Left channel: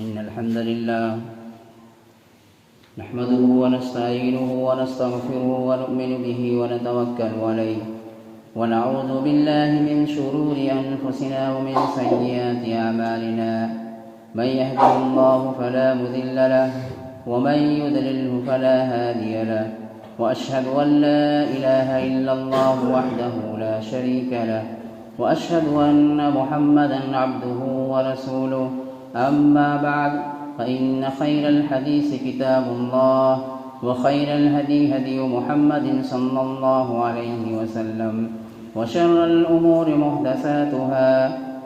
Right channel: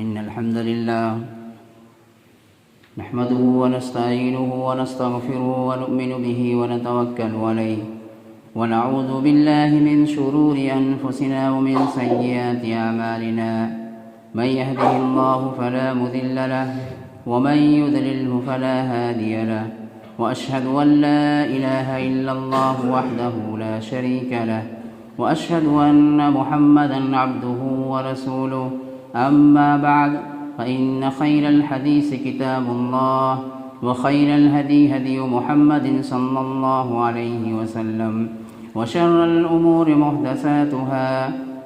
إن الحمد لله نحمده ونستعينه ونستغفره ونؤمن به ونتوكل عليه ونعوذ بالله من شرور أنفسنا ومن سيئات أعمالنا من يهده الله فلا مضل له ومن يضلله فلا هادي له وأشهد أن لا إله إلا الله وحده لا شريك له وأشهد أن محمدا عبده ورسوله أما بعد فإن خير الحديث كتاب الله وخير الهدي هدي محمد صلى الله عليه وسلم وشر الأمور محدثاتها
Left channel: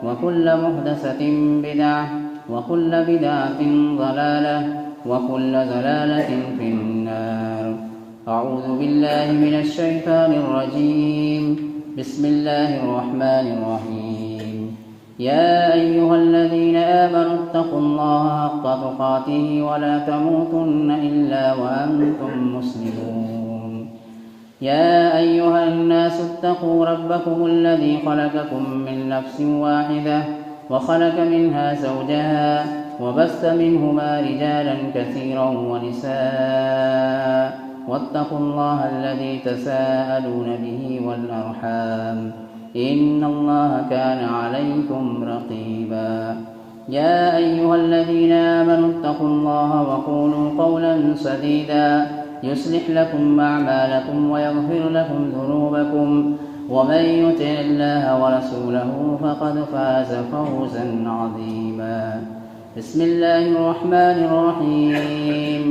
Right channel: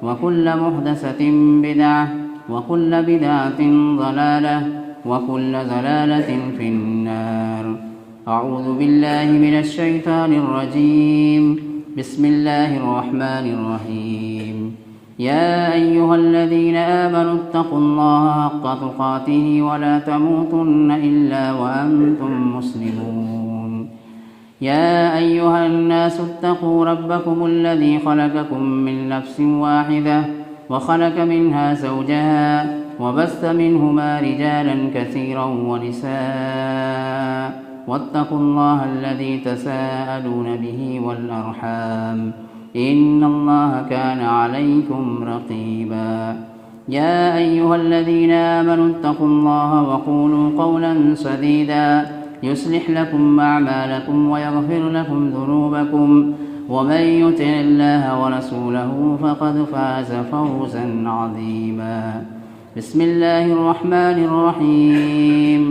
وكل محدثة بدعة وكل بدعة ضلالة وكل ضلالة في النار. أعوذ بالله من الشيطان الرجيم. بسم الله الرحمن الرحيم. يا أيها الذين آمنوا اتقوا الله حق تقاته ولا تموتن إلا وأنتم مسلمون. يا أيها الناس اتقوا ربكم الذي خلقكم من نفس واحدة وخلق منها زوجها وبث منهما رجالا كثيرا ونساء واتقوا الله الذي تساءلون به والأرحام إن الله كان عليكم رقيبا. يا أيها الذين آمنوا اتقوا الله وقولوا قولا سديدا يصلح لكم أعمالكم ويغفر لكم ذنوبكم ومن يطع الله ورسوله فقد فاز فوزا عظيما. بسم الله الرحمن الرحيم.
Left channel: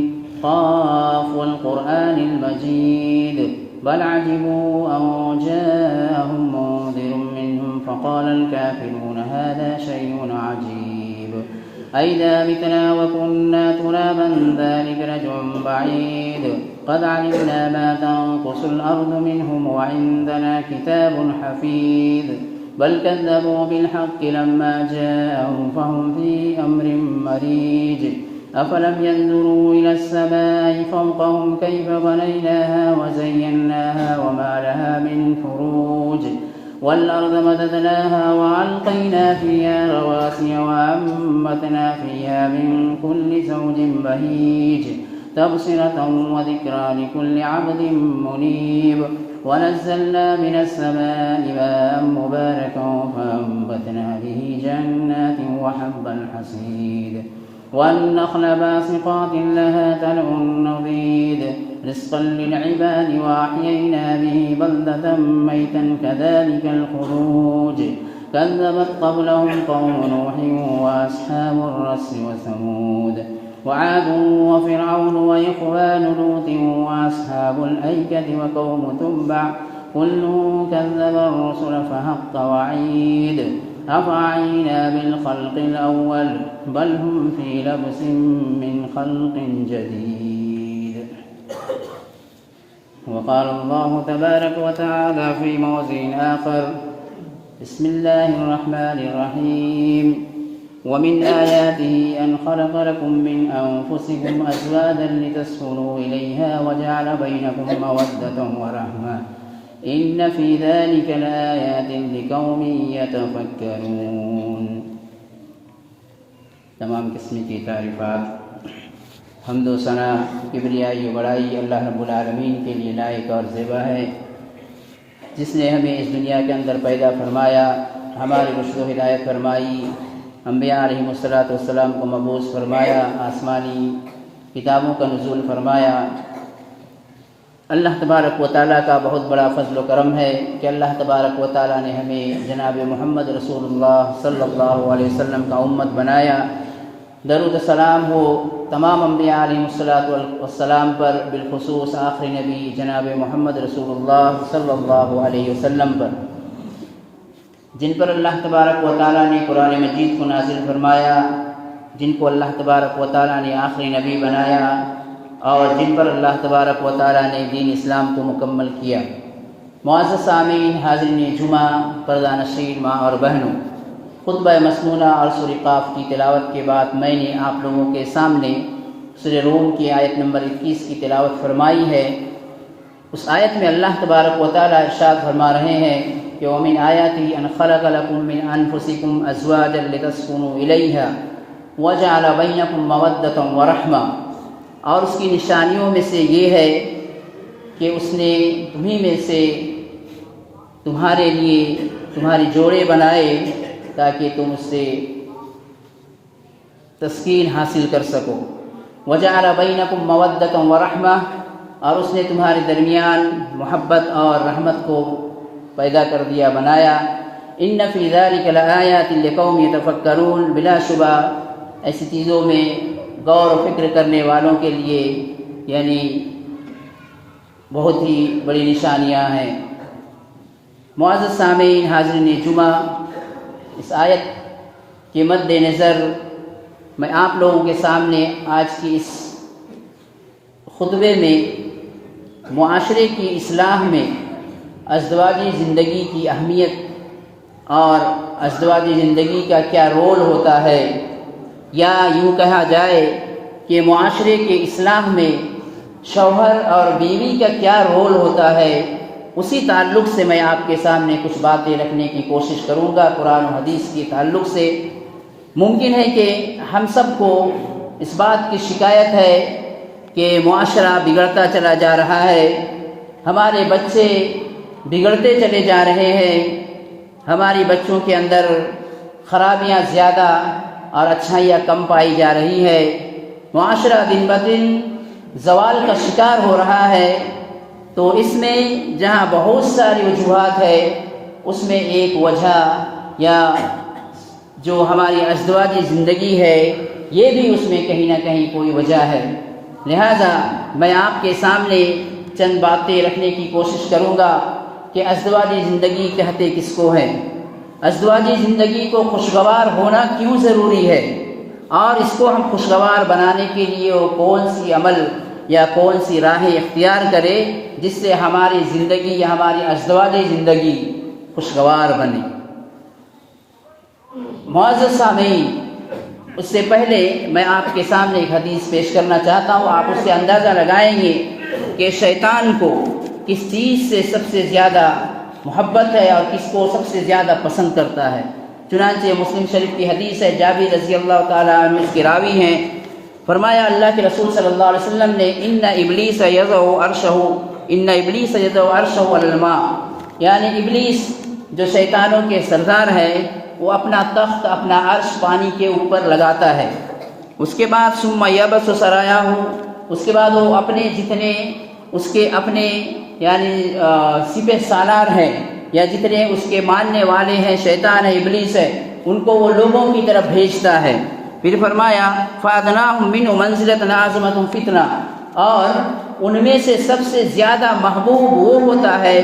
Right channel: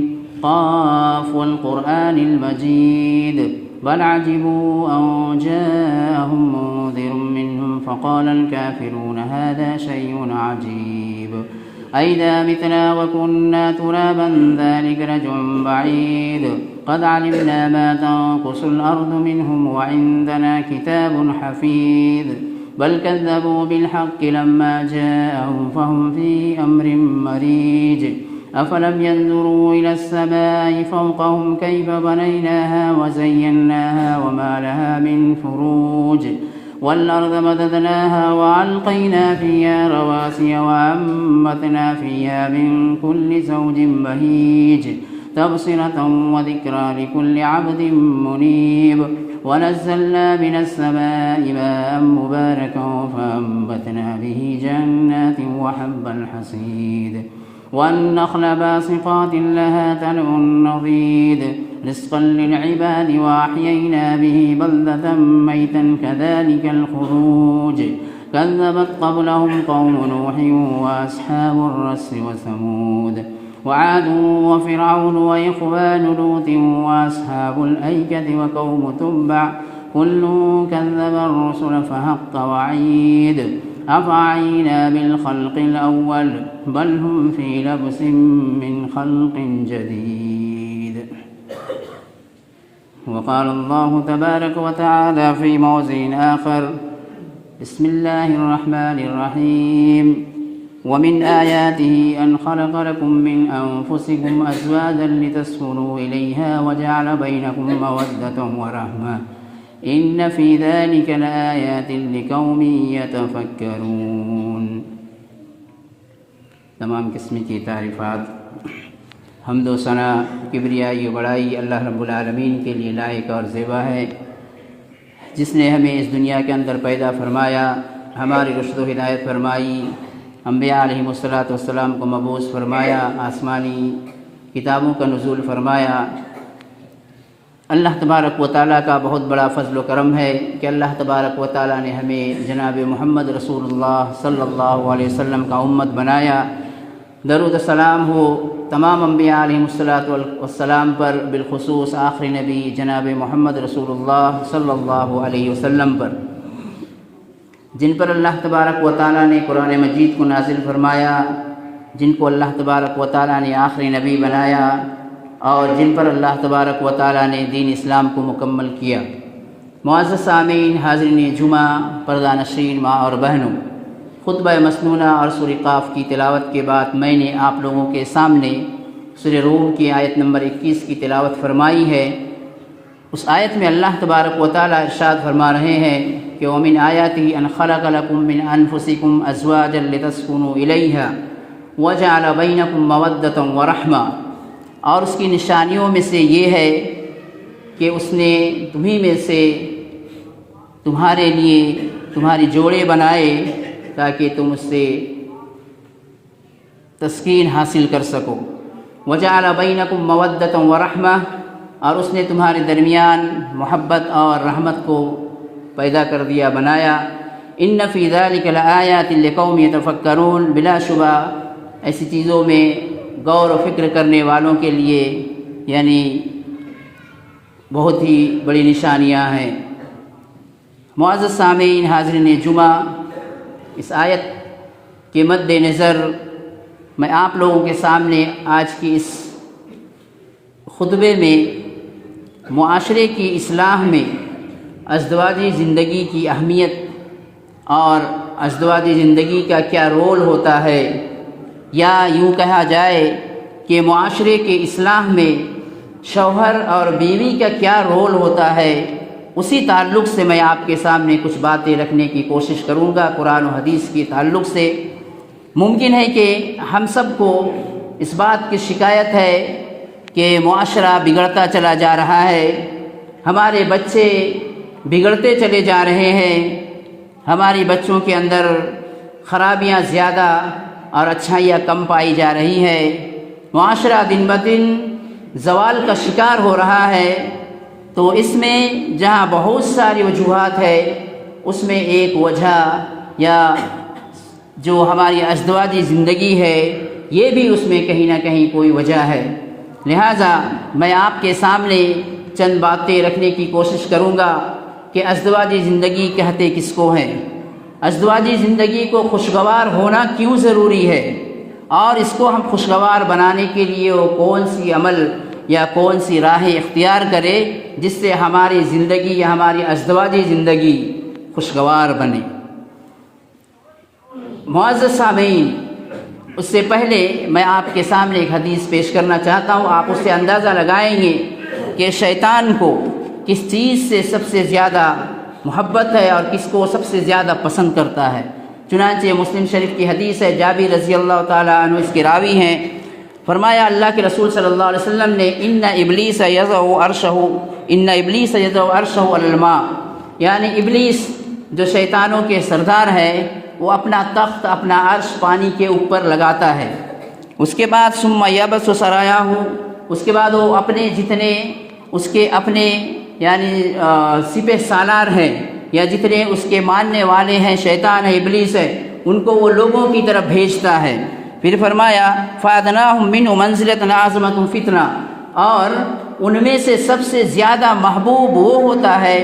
قاف والقرآن المجيد بل عجبوا أن جاءهم منذر منهم فقال الكافرون هذا شيء عجيب أئذا متنا وكنا ترابا ذلك رجع بعيد قد علمنا ما تنقص الأرض منهم وعندنا كتاب حفيظ بل كذبوا بالحق لما جاءهم فهم في أمر مريج أفلم ينظروا إلى السماء فوقهم كيف بنيناها وزيناها وما لها من فروج والأرض مددناها وألقينا فيها رواسي وأنبتنا فيها من كل زوج بهيج تبصرة وذكرى لكل عبد منيب ونزلنا من السماء ماء مباركا فأنبتنا به جنات وحب الحصيد والنخل باسقات لها طلع نضيد رزقا للعباد وأحيينا به بلدة ميتا كذلك الخروج كذبت قبلهم قوم نوح وأصحاب الرس وثمود وعاد وفرعون وإخوان لوط وأصحاب الأيكة وقوم تبع كل كذب الرسل فحق وعيد أفعينا بالخلق الأول بل هم في لبس من خلق جديد. وقال الله تبارك وتعالى في موضع آخر. بسم الله الرحمن الرحيم. ومن آياته أن خلق لكم من أنفسكم أزواجا لتسكنوا إليها وجعل بينكم مودة ورحمة إن في ذلك لآيات لقوم يتفكرون. تمام قسم کی تعریفات حمد و ثنا کبریائی بڑائی اللہ رب العالمین کے لیے لائق اور زیبا ہے، جس نے ہمیں اس دنیا کے اندر پیدا فرمایا، ہماری رشد و ہدایت فرمائی، انبیاء علیہم السلام کو مبعوث فرمایا، آسمانی کتابوں کا نزول فرمایا۔ اللہ تبارک و تعالیٰ کا بہت بڑا فضل و کرم ہے کہ اللہ تبارک و تعالیٰ نے ہمیں جناب محمد رسول اللہ صلی اللہ علیہ وسلم کا امت بنایا۔ درود و سلام ہو تمام انبیاء علیہم السلام پر، بالخصوص آخری نبی جناب محمد رسول اللہ صلی اللہ علیہ وسلم پر، جن پر اللہ تبارک و تعالیٰ نے قرآن مجید کو نازل فرمایا، جن کو اللہ تبارک و تعالیٰ نے آخری نبی بنایا، اور جن پر اللہ تبارک و تعالیٰ نے دین اسلام کو مکمل کیا۔ معزز سامعین، حاضرین جمعہ، پردہ نشین ماں اور بہنوں، خطبہ مسنونہ اور سورہ قاف کی تلاوت کے بعد میں نے آپ لوگوں کے سامنے سورہ روم کی آیت نمبر 21 کی تلاوت فرمائی ہے۔ اس آیت میں اللہ تبارک و تعالیٰ ارشاد فرما رہے ہیں کہ وَمِنْ آيَاتِهِ أَنْ خَلَقَ لَكُم مِّنْ أَنفُسِكُمْ أَزْوَاجًا لِتَسْكُنُوا إِلَيْهَا، وَجَعَلَ بَيْنَكُمْ مَوَدَّةً وَرَحْمَةً، اور اس کی نشانیوں میں سے یہ ہے کہ اس نے تمہیں میں سے تمہارے لیے تمہاری جوڑے بنائے تاکہ تم اس سے تسکین حاصل کر سکو۔ وَجَعَلَ بَيْنَكُمْ مَوَدَّةً وَرَحْمَةً، اور اس نے تمہارے درمیان محبت اور رحمت کو پیدا کر دیا، بنایا۔ ان فی ذلک لآیات لقوم یتفکرون، بلا شبہ ایسی چیزوں میں غور و فکر کرنے والوں کے لیے یعنی بہت ہی بڑی نشانیاں ہیں۔ معزز سامعین، حاضرین جمعہ، اس آیت کے مد نظر میں آپ لوگوں کے سامنے آج کی اس خطبے میں معاشرے کی اصلاح میں ازدواجی زندگی کی اہمیت اور ازدواجی زندگی کا کیا رول ہوتا ہے، یا یوں کہا جائے کہ معاشرے کی اصلاح میں شوہر اور بیوی کا کیا رول ہوتا ہے، اسی تعلق سے میں آپ کے سامنے کچھ باتیں رکھنے کی کوشش کروں گا قرآن و حدیث کے تعلق سے۔ ممکن ہے کہ ہم سب کو اس بات کی شکایت ہے کہ معاشرہ بگڑتا چلا جا رہا ہے، ہمارے بچے بگڑتے چلے جا رہے ہیں، ہماری بچوں کے اندر خرابیاں زیادہ اور اچھائیاں کم پائی جا رہی ہے، معاشرہ دن بدن زوال کا شکار ہو رہا ہے۔ تو اس میں جہاں بہت ساری وجوہات ہے، اس میں ایک وجہ یا جو ہماری ازدواجی زندگی ہے، یہ بھی اس میں کہیں نہ کہیں کوئی وجہ ہے۔ لہٰذا میں آپ کے سامنے چند باتیں رکھنے کی کوشش کروں گا کہ ازدواجی زندگی کہتے کس کو ہے، ازدواجی زندگی کو خوشگوار ہونا کیوں ضروری ہے، اور اس کو ہم خوشگوار بنانے کے لیے وہ کون سی عمل یا کون سی راہیں اختیار کرے جس سے ہماری زندگی یا ہماری ازدواجی زندگی خوشگوار بنے۔ معزز سامعین، اس سے پہلے میں آپ کے سامنے ایک حدیث پیش کرنا چاہتا ہوں، آپ اس سے اندازہ لگائیں گے کہ شیطان کو کس چیز سے سب سے زیادہ محبت ہے اور کس کو سب سے زیادہ پسند کرتا ہے۔ چنانچہ مسلم شریف کی حدیث ہے، جابر رضی اللہ تعالیٰ عنہ اس کے راوی ہیں، فرمایا اللہ کے رسول صلی اللہ علیہ وسلم نے ان ابلیس یضع عرشہ علی الماء، یعنی ابلیس جو شیطانوں کے سردار ہے، وہ اپنا تخت، اپنا عرش پانی کے اوپر لگاتا ہے۔ اس کے بعد ثم یبس سرایاہ، اس کے بعد وہ اپنے جتنے اس کے اپنے یعنی سپہ سالار ہیں یا جتنے اس کے ماننے والے ہیں، شیطان ہے، ابلیس ہے، ان کو وہ لوگوں کی طرف بھیجتا ہے۔ پھر فرمایا فَأَدْنَاهُمْ مِنْهُ مَنْزِلَةً أَعْظَمَةٌ فِتْنَةً، اور ان میں سے سب سے زیادہ محبوب وہ ہوتا ہے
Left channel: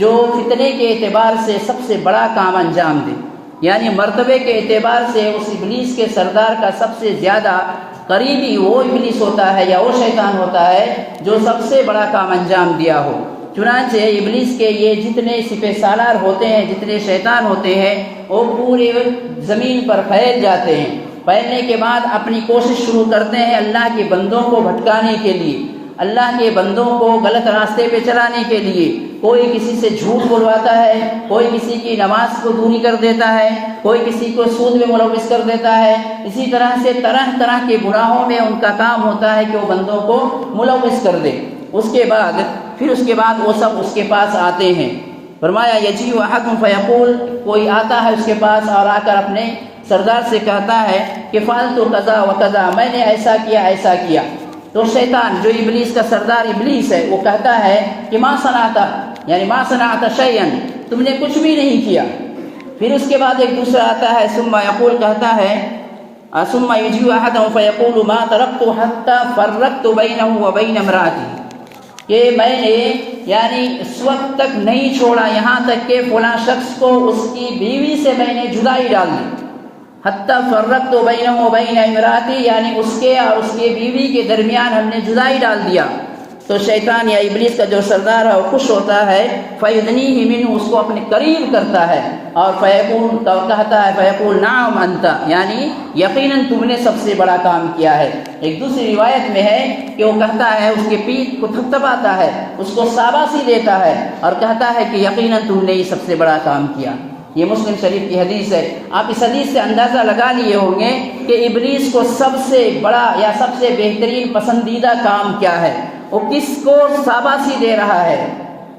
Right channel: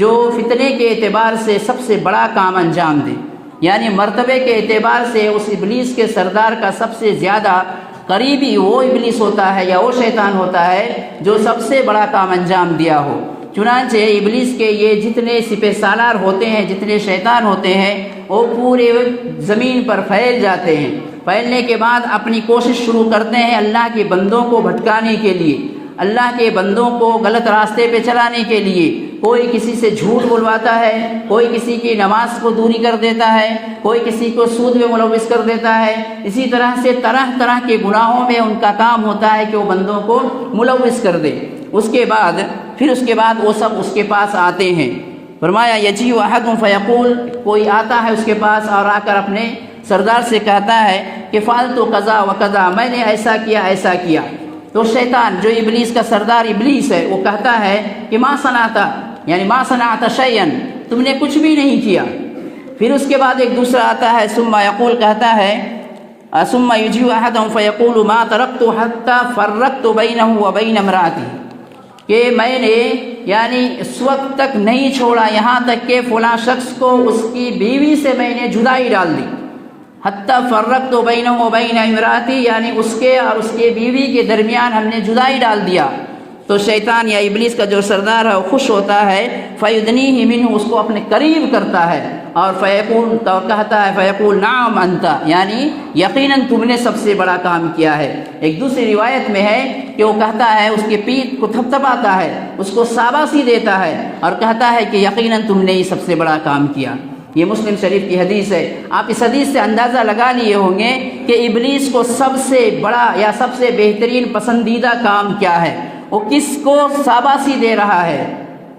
جو فتنے کے اعتبار سے سب سے بڑا کام انجام دے، یعنی مرتبے کے اعتبار سے اس ابلیس کے سردار کا سب سے زیادہ قریبی وہ ابلیس ہوتا ہے یا وہ شیطان ہوتا ہے جو سب سے بڑا کام انجام دیا ہو۔ چنانچہ ابلیس کے یہ جتنے سپہ سالار ہوتے ہیں، جتنے شیطان ہوتے ہیں، وہ پورے زمین پر پھیل جاتے ہیں۔ پھیلنے کے بعد اپنی کوشش شروع کرتے ہیں اللہ کے بندوں کو بھٹکانے کے لیے، اللہ کے بندوں کو غلط راستے پہ چلانے کے لیے۔ کوئی کسی سے جھوٹ بلواتا ہے، کوئی کسی کی نماز کو دوری کر دیتا ہے، کوئی کسی کو سود میں ملوث کر دیتا ہے۔ اسی طرح سے طرح طرح کے گناہوں میں ان کا کام ہوتا ہے کہ وہ بندوں کو ملوث کر دے۔ اس کے بعد وہ سب اس کے پاس آتے ہیں۔ فرمایا یجیء احد فیقول، کوئی آتا ہے اس کے پاس اور آ کر اپنے سردار سے کہتا ہے کہ فعلت کذا و کذا، میں نے ایسا کیا۔ تو شیطان جو ابلیس کا سردار ابلیس ہے وہ کہتا ہے کہ ما صنعت، یعنی ما صنعت شیئا، تم نے کچھ بھی نہیں کیا۔ پھر اس کے بعد ایک دوسرا آتا ہے ثم یقول، کہتا ہے ثم یجیء احدهم فیقول ما ترکت حتی فرقت بینہ وبین امرأتی، کہ میں نے یعنی اس وقت تک نہیں چھوڑا یہاں تک کہ فلاں شخص کو اس کی بیوی سے میں نے جدائی ڈال دی۔ حتی فرقت بینہ وبین امرأتی، یعنی اس کے اور اس کے بیوی کے درمیان ہم نے جدائی ڈال دیا۔ تو شیطان یا ابلیس کا جو سردار ہے وہ خوش ہوتا ہے، فیدنیہ منہ، اس کو اپنے قریب کرتا ہے اور فیقول، تو کہتا ہے فیقول نعم انت، یعنی یقیناً تم نے سب سے بڑا کام کیا ہے۔ ایک دوسری روایت میں ہے کہ وہ کہتا ہے، اس کے پیٹھ کو تھپتھپاتا ہے، اس کو شاباشی دیتا ہے اور کہتا ہے کہ یقیناً تم نے یہ سب سے بڑا کام کیا۔ یہ مسلم شریف کی حدیث ہے۔ آپ اس حدیث سے اندازہ لگا لیے ہوں گے کہ ابلیس کو سب سے بڑا یا سب سے بہترین پسندیدہ کام کیا ہے، وہ کس کو شاباشی دے رہا ہے۔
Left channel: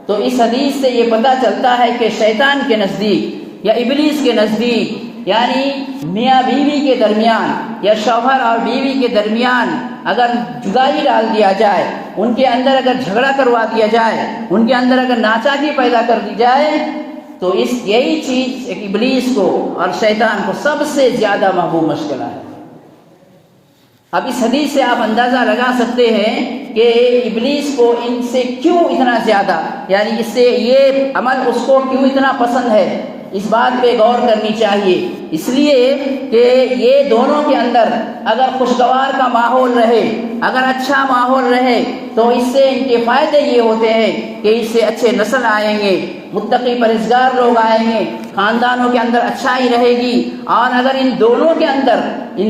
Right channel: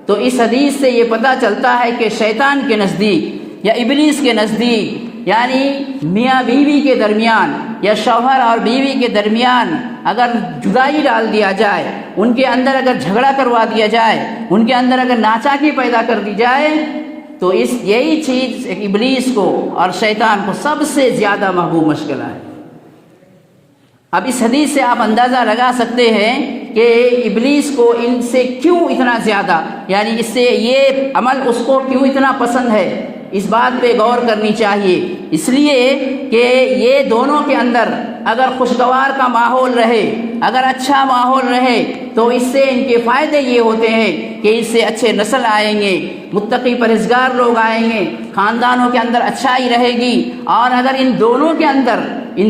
تو اس حدیث سے یہ پتہ چلتا ہے کہ شیطان کے نزدیک یا ابلیس کے نزدیک، یعنی میاں بیوی کے درمیان یا شوہر اور بیوی کے درمیان اگر جدائی ڈال دیا جائے، ان کے اندر اگر جھگڑا کروا دیا جائے، ان کے اندر اگر ناچاکی پیدا کر دی جائے، تو یہی چیز ایک ابلیس کو اور شیطان کو سب سے زیادہ محبوب مشغلہ ہے۔ اب اس حدیث سے آپ اندازہ لگا سکتے ہیں کہ ابلیس کو ان سے کیوں اتنا زیادہ، یعنی اس سے یہ عمل اس کو کیوں اتنا پسند ہے۔ اس بات پہ غور کرنی چاہیے، اس لیے کہ یہ دونوں کے اندر اگر خوشگوار کا ماحول رہے، اگر اچھا ماحول رہے، تو اس سے ان کے فائدے یہ ہوتے ہیں کہ اس سے اچھے نسل آئیں گے، متقی پرہیزگار لوگ آئیں گے، خاندانوں کے اندر اچھائی رہے گی۔ اور اگر ان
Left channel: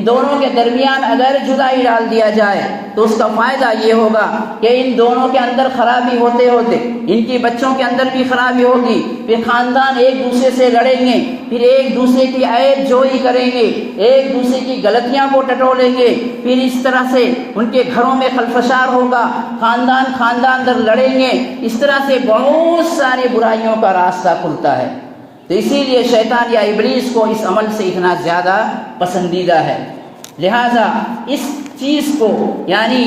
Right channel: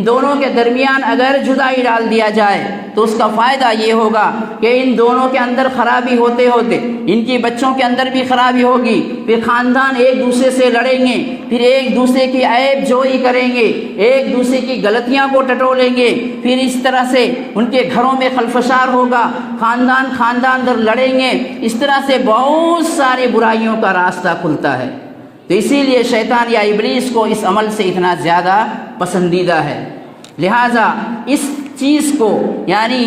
دونوں کے درمیان اگر جدائی ڈال دیا جائے تو اس کا فائدہ یہ ہوگا کہ ان دونوں کے اندر خرابی ہوتے ہوتے ان کی بچوں کے اندر بھی خرابی ہوگی، پھر خاندان ایک دوسرے سے لڑیں گے، پھر ایک دوسرے کی عیب جوئی کریں گے، ایک دوسرے کی غلطیاں کو ٹٹولیں گے، پھر اس طرح سے ان کے گھروں میں خلفشار ہوگا، خاندان در لڑیں گے، اس طرح سے بہت ساری برائیوں کا راستہ کھلتا ہے۔ تو اسی لیے شیطان یا ابلیس کو اس عمل سے اتنا زیادہ پسندیدہ ہے۔ لہٰذا اس چیز کو، یعنی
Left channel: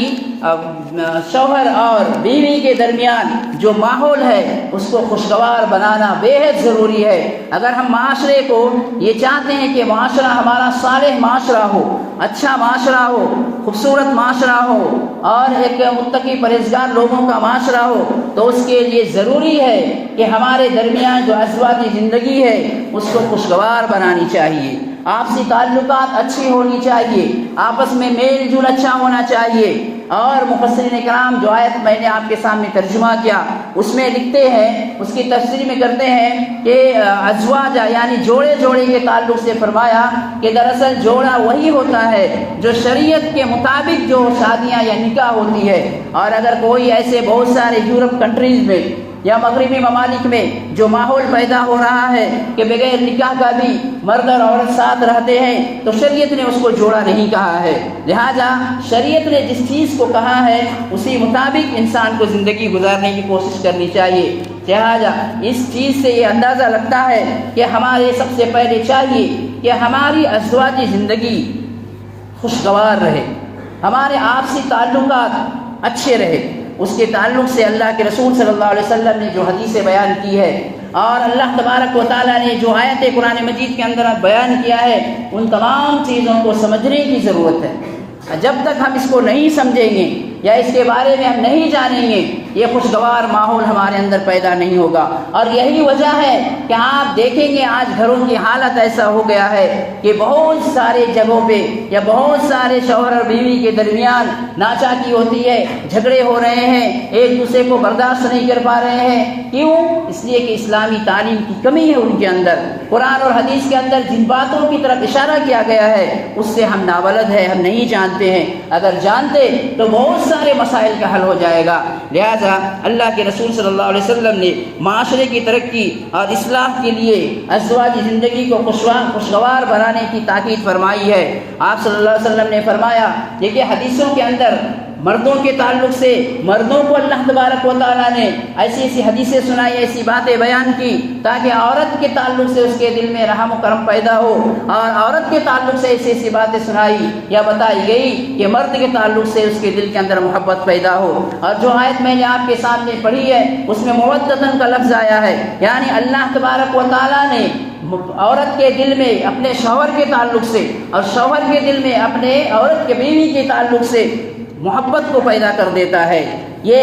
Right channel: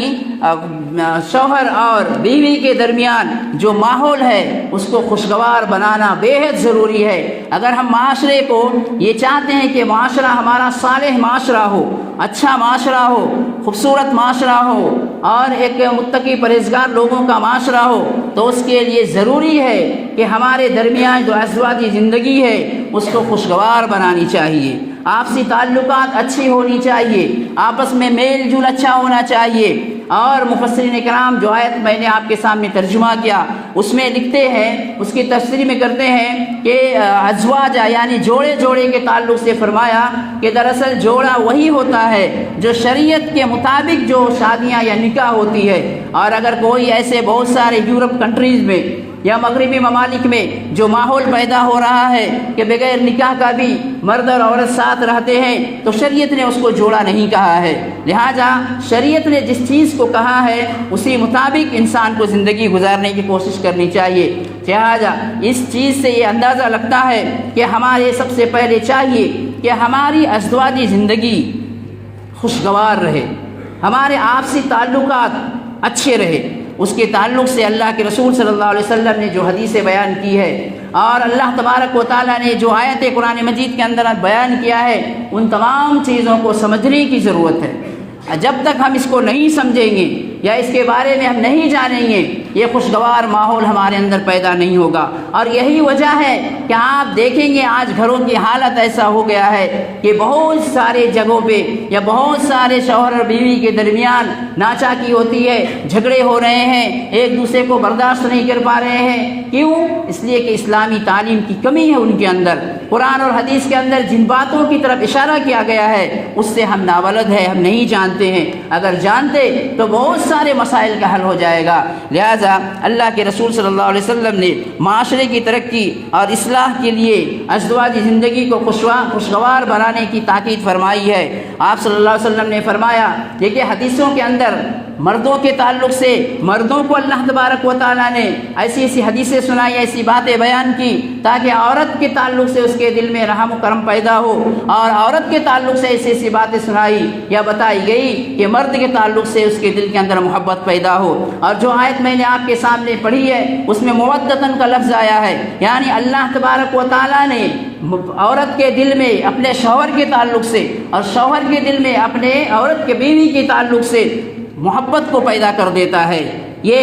شوہر اور بیوی کے درمیان جو ماحول ہے اس کو خوشگوار بنانا بے حد ضروری ہے۔ اگر ہم معاشرے کو یہ چاہتے ہیں کہ معاشرہ ہمارا صالح معاشرہ ہو، اچھا معاشرہ ہو، خوبصورت معاشرہ ہو اور ایک متقی پرہیزگار لوگوں کا معاشرہ ہو، تو اس کے لیے ضروری ہے کہ ہمارے درمیان جو ازواجی زندگی ہے اس کو خوشگوار بنانی چاہیے، آپسی تعلقات اچھی ہونی چاہیے، آپس میں میل جول اچھا ہونا چاہیے۔ اور مفسرین کرام جو آیت میں نے آپ کے سامنے ترجمہ کیا اس میں لکھتے ہیں، اس کی تفسیر میں کرتے ہیں کہ ازواج یعنی جوڑے کے تعلق سے فرمایا کہ دراصل جوڑا وہی ہوتا ہے جو شریعت کے مطابق جو شادیاں یا نکاح ہوتی ہے۔ اور اگر کوئی ایسے بہت سارے یورپ کنٹریز میں یا مغربی ممالک میں جو ماحول پیدا ہو رہا ہے کہ بغیر نکاح کا بھی مرد اور عورت ساتھ رہتے ہیں، تو شریعت نے اس کو جوڑا نہیں کہا ہے۔ لہٰذا شریعت نے جس چیز کو کہا ہے اسی مطابق انسان کو زندگی گزارنے کی کوشش کرنی چاہیے۔ لہٰذا اس چیز سے یہ اندازہ لگتا ہے کہ ہمارے سب سے پہلے چاہیے کہ ہماری ازدواجی زندگی خوشگوار رہے، ہمارے آپسی تعلقات اچھے رہے۔ اس کے تعلق سے اللہ کے رسول صلی اللہ علیہ وسلم نے جو حدیثیں بیان کی ہے اور اللہ تبارک و تعالیٰ نے جو آیت قرآن مجید کے اندر بیان کیا ہے، ان تمام چیزوں کو سمجھنے کی ضرورت ہے۔ جب تک ہم اس کو نہیں سمجھیں گے یا اس کے بارے میں ہم نہیں جانیں گے، یہ خوشگوار ماحول ہمارے اندر پیدا نہیں ہوگا۔ اور یہی وجہ ہے کہ آپ دیکھیں گے آج گھروں کی حالت ایسا ہو گیا ہے کہ بہت سارے جگہوں پہ یا بہت سارے شوہر اور بیوی کے درمیان ناچاکی ہوتی ہے، جھگڑے ہو رہے ہیں، ایک دوسرے کو برداشت نہیں کر پا رہے ہیں۔ کیوں؟ اس لیے کہ اسلامی تعلیم کی کمی ہے ان کے اندر۔ قرآن اور حدیث کے اندر جن باتوں کی طرف اشارہ کیا گیا ہے اس سے ہم نابلد ہیں، ہم نہیں جانتے ہیں۔ اگر جانتے تو بہت سارے مسائل کا حل ہو جائے گا۔ لہذا اللہ کے رسول صلی اللہ علیہ وسلم نے معاشرے کی ترقی اور اصلاح کے لیے ازدواجی زندگی کو خوشگوار بنانے کی تاکید فرمائی ہے۔ آپ صلی اللہ علیہ وسلم نے فرمایا کہ حدیثوں کے اندر مردوں کے تعلق سے مردوں کو اللہ تبارک و تعالیٰ نے ایسی ایسی حدیثیں سنائی، ایسی باتیں بیان کی تاکہ عورت کے تعلق سے اس کے دل میں رحم و کرم پیدا ہو، اور عورت کے تعلق سے ایسی ایسی باتیں سنائی یا بتائی گئی کہ مرد کے تعلق سے اس کے دل کے اندر محبت پیدا ہو۔ اور جو آیت میں نے آپ کے سامنے پڑھی ہے اس میں مودتاً کا لفظ آیا ہے، یعنی اللہ تبارک و تعالیٰ نے عورت کے دل میں اپنے شوہر کے تعلق سے اور شوہر کے دل میں اپنے عورت کے بیوی کے تعلق سے محبت کو پیدا کر دیتا ہے۔ یہ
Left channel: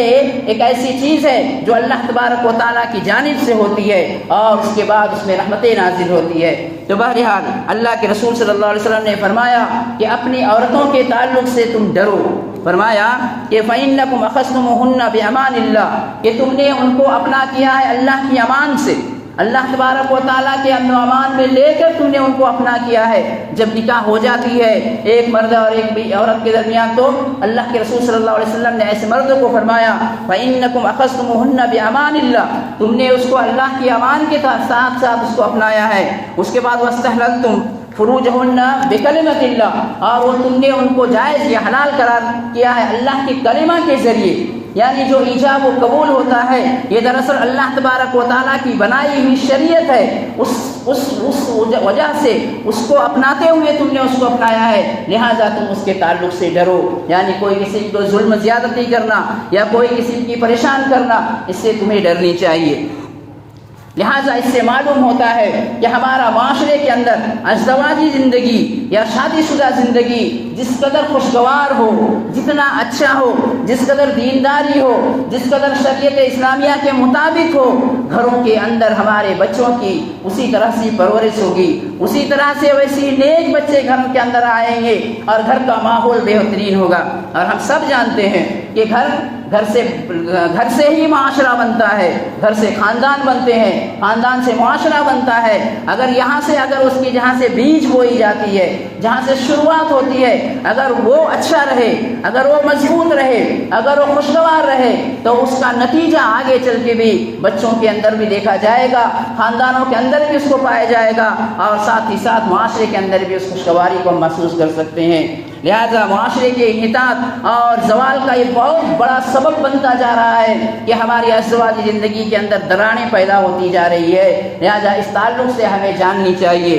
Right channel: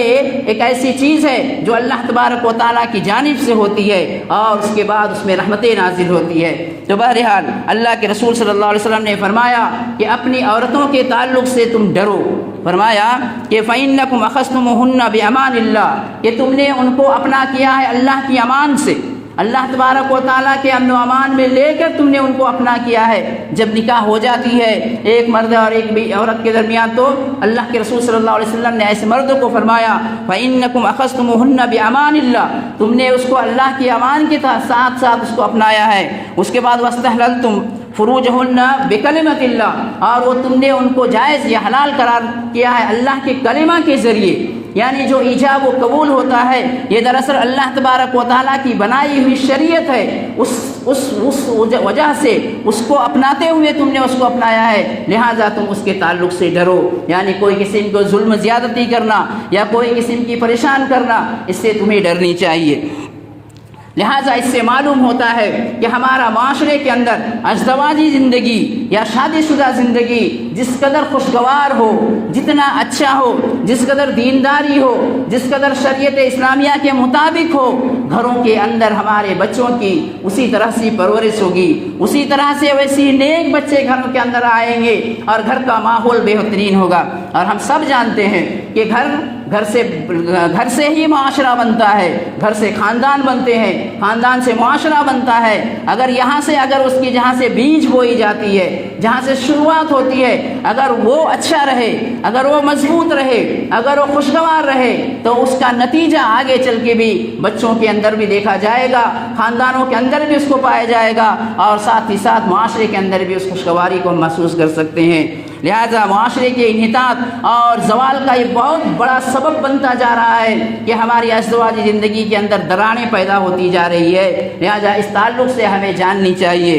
ایک ایسی چیز ہے جو اللہ تبارک و تعالیٰ کی جانب سے ہوتی ہے اور اس کے بعد اس میں رحمتیں نازل ہوتی ہے۔ تو بہرحال اللہ کے رسول صلی اللہ علیہ وسلم نے فرمایا کہ اپنی عورتوں کے تعلق سے تم ڈرو۔ فرمایا کہ فَإِنَّكُمْ أَخَذْتُمُوهُنَّ بِأَمَانِ اللَّهِ، کہ تم نے ان کو اپنا کیا ہے اللہ کی امان سے، اللہ تبارک و تعالیٰ کے امن و امان میں لے کر تم نے ان کو اپنا کیا ہے۔ جب نکاح ہو جاتی ہے ایک مرد اور ایک عورت کے درمیان تو اللہ کے رسول صلی اللہ علیہ وسلم نے ایسے مرد کو فرمایا فَإِنَّكُمْ أَخَذْتُمُوهُنَّ بِأَمَانِ اللَّهِ، تم نے اس کو اللہ کی امان کے ساتھ ساتھ اس کو اپنایا ہے۔ اس کے بعد وَاسْتَحْلَلْتُمْ فُرُوجَهُنَّ بِكَلِمَةِ اللَّهِ، اور وہ تم نے ان کو جائز یا حلال قرار کیا ہے اللہ کے کلمہ کے ذریعے، یعنی جو ایجاب و قبول ہوتا ہے یہ دراصل اللہ تبارک و تعالیٰ کی بنائی ہوئی شریعت ہے، اس وجہ سے اس کو اپناتے ہوئے تم نے اس کو اپنایا ہے، لہٰذا تم اس کے تعلق سے ڈرو، یعنی کوئی قسم کو ظلم زیادتی کرنا یا کوئی قسم کی پریشان کرنا اس سے تمہیں ڈرنی چاہیے۔ لہٰذا اس سے معلوم ہوتا ہے کہ ہمارا معاشرے کے اندر ازدواجی زندگی یا شادی شدہ زندگی جس قدر خوشگوار ہو، جتنا اچھا ہو، جس قدر دینداری ہو، جس قدر شریعت اسلامیہ کے مطابق ہو، گھروں کے اندر ہمارے بچوں کی اسی طرح سے پرورش ہوگی، اسی طرح سے ویسی نیک بچے گھر کے اندر آئیں گے اور گھر کا ماحول بہترین ہوگا۔ اور ہم سب جانتے ہیں کہ گھر سے ہی معاشرہ بنتا ہے، گھر سے خاندان بنتے ہیں، خاندان سے معاشرہ بنتا ہے۔ اگر یہاں سے اس کی جہاں سے بیج بوئی جاتی ہے، جہاں سے شروعات ہوتی ہے، اگر وہ اچھا رہے، اگر وہ مضبوط رہے، اگر وہ خوشگوار رہے تو اس کا نتیجہ آگے چل کے بھی بچوں کے اندر بھی دیکھا جائے گا، خاندانوں کے اندر بھی اس کو پایا جائے گا، اور ساتھ ہی ساتھ معاشرے کے اندر بھی اس خوشگواری کو محسوس کر سکتے ہیں۔ لہذا معاشرے کے انحطاط اور زوال کا یہ بہت بڑا سبب بنتا جا رہا ہے کہ ہماری ازدواجی زندگی کے اندر دراڑیں پیدا ہوتی جا رہی ہے۔ لہذا اس تعلق سے ہمیں جاننی چاہیے۔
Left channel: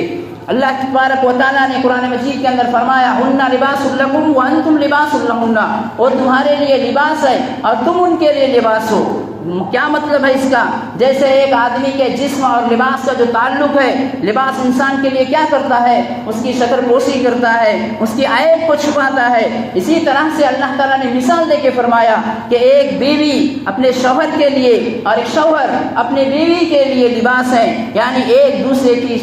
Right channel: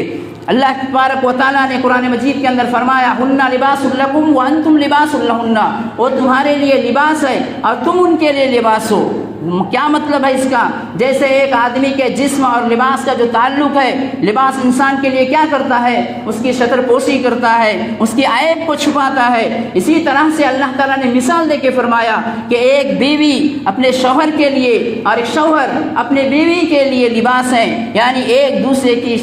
اللہ تبارک و تعالیٰ نے قرآن مجید کے اندر فرمایا ہن لباس لکم وانتم لباس لہن، وہ تمہارے لیے لباس ہے اور تم ان کے لیے لباس ہو۔ کیا مطلب ہے اس کا؟ جیسے ایک آدمی کے جسم اور لباس کا جو تعلق ہے، لباس انسان کے لیے کیا کرتا ہے؟ اس کی شکل پوشی کرتا ہے، اس کی عیب کو چھپاتا ہے۔ اسی طرح سے اللہ تعالیٰ نے مثال دے کے فرمایا کہ ایک بیوی اپنے شوہر کے لیے اور ایک شوہر اپنے بیوی کے لیے لباس ہیں، یعنی ایک دوسرے کی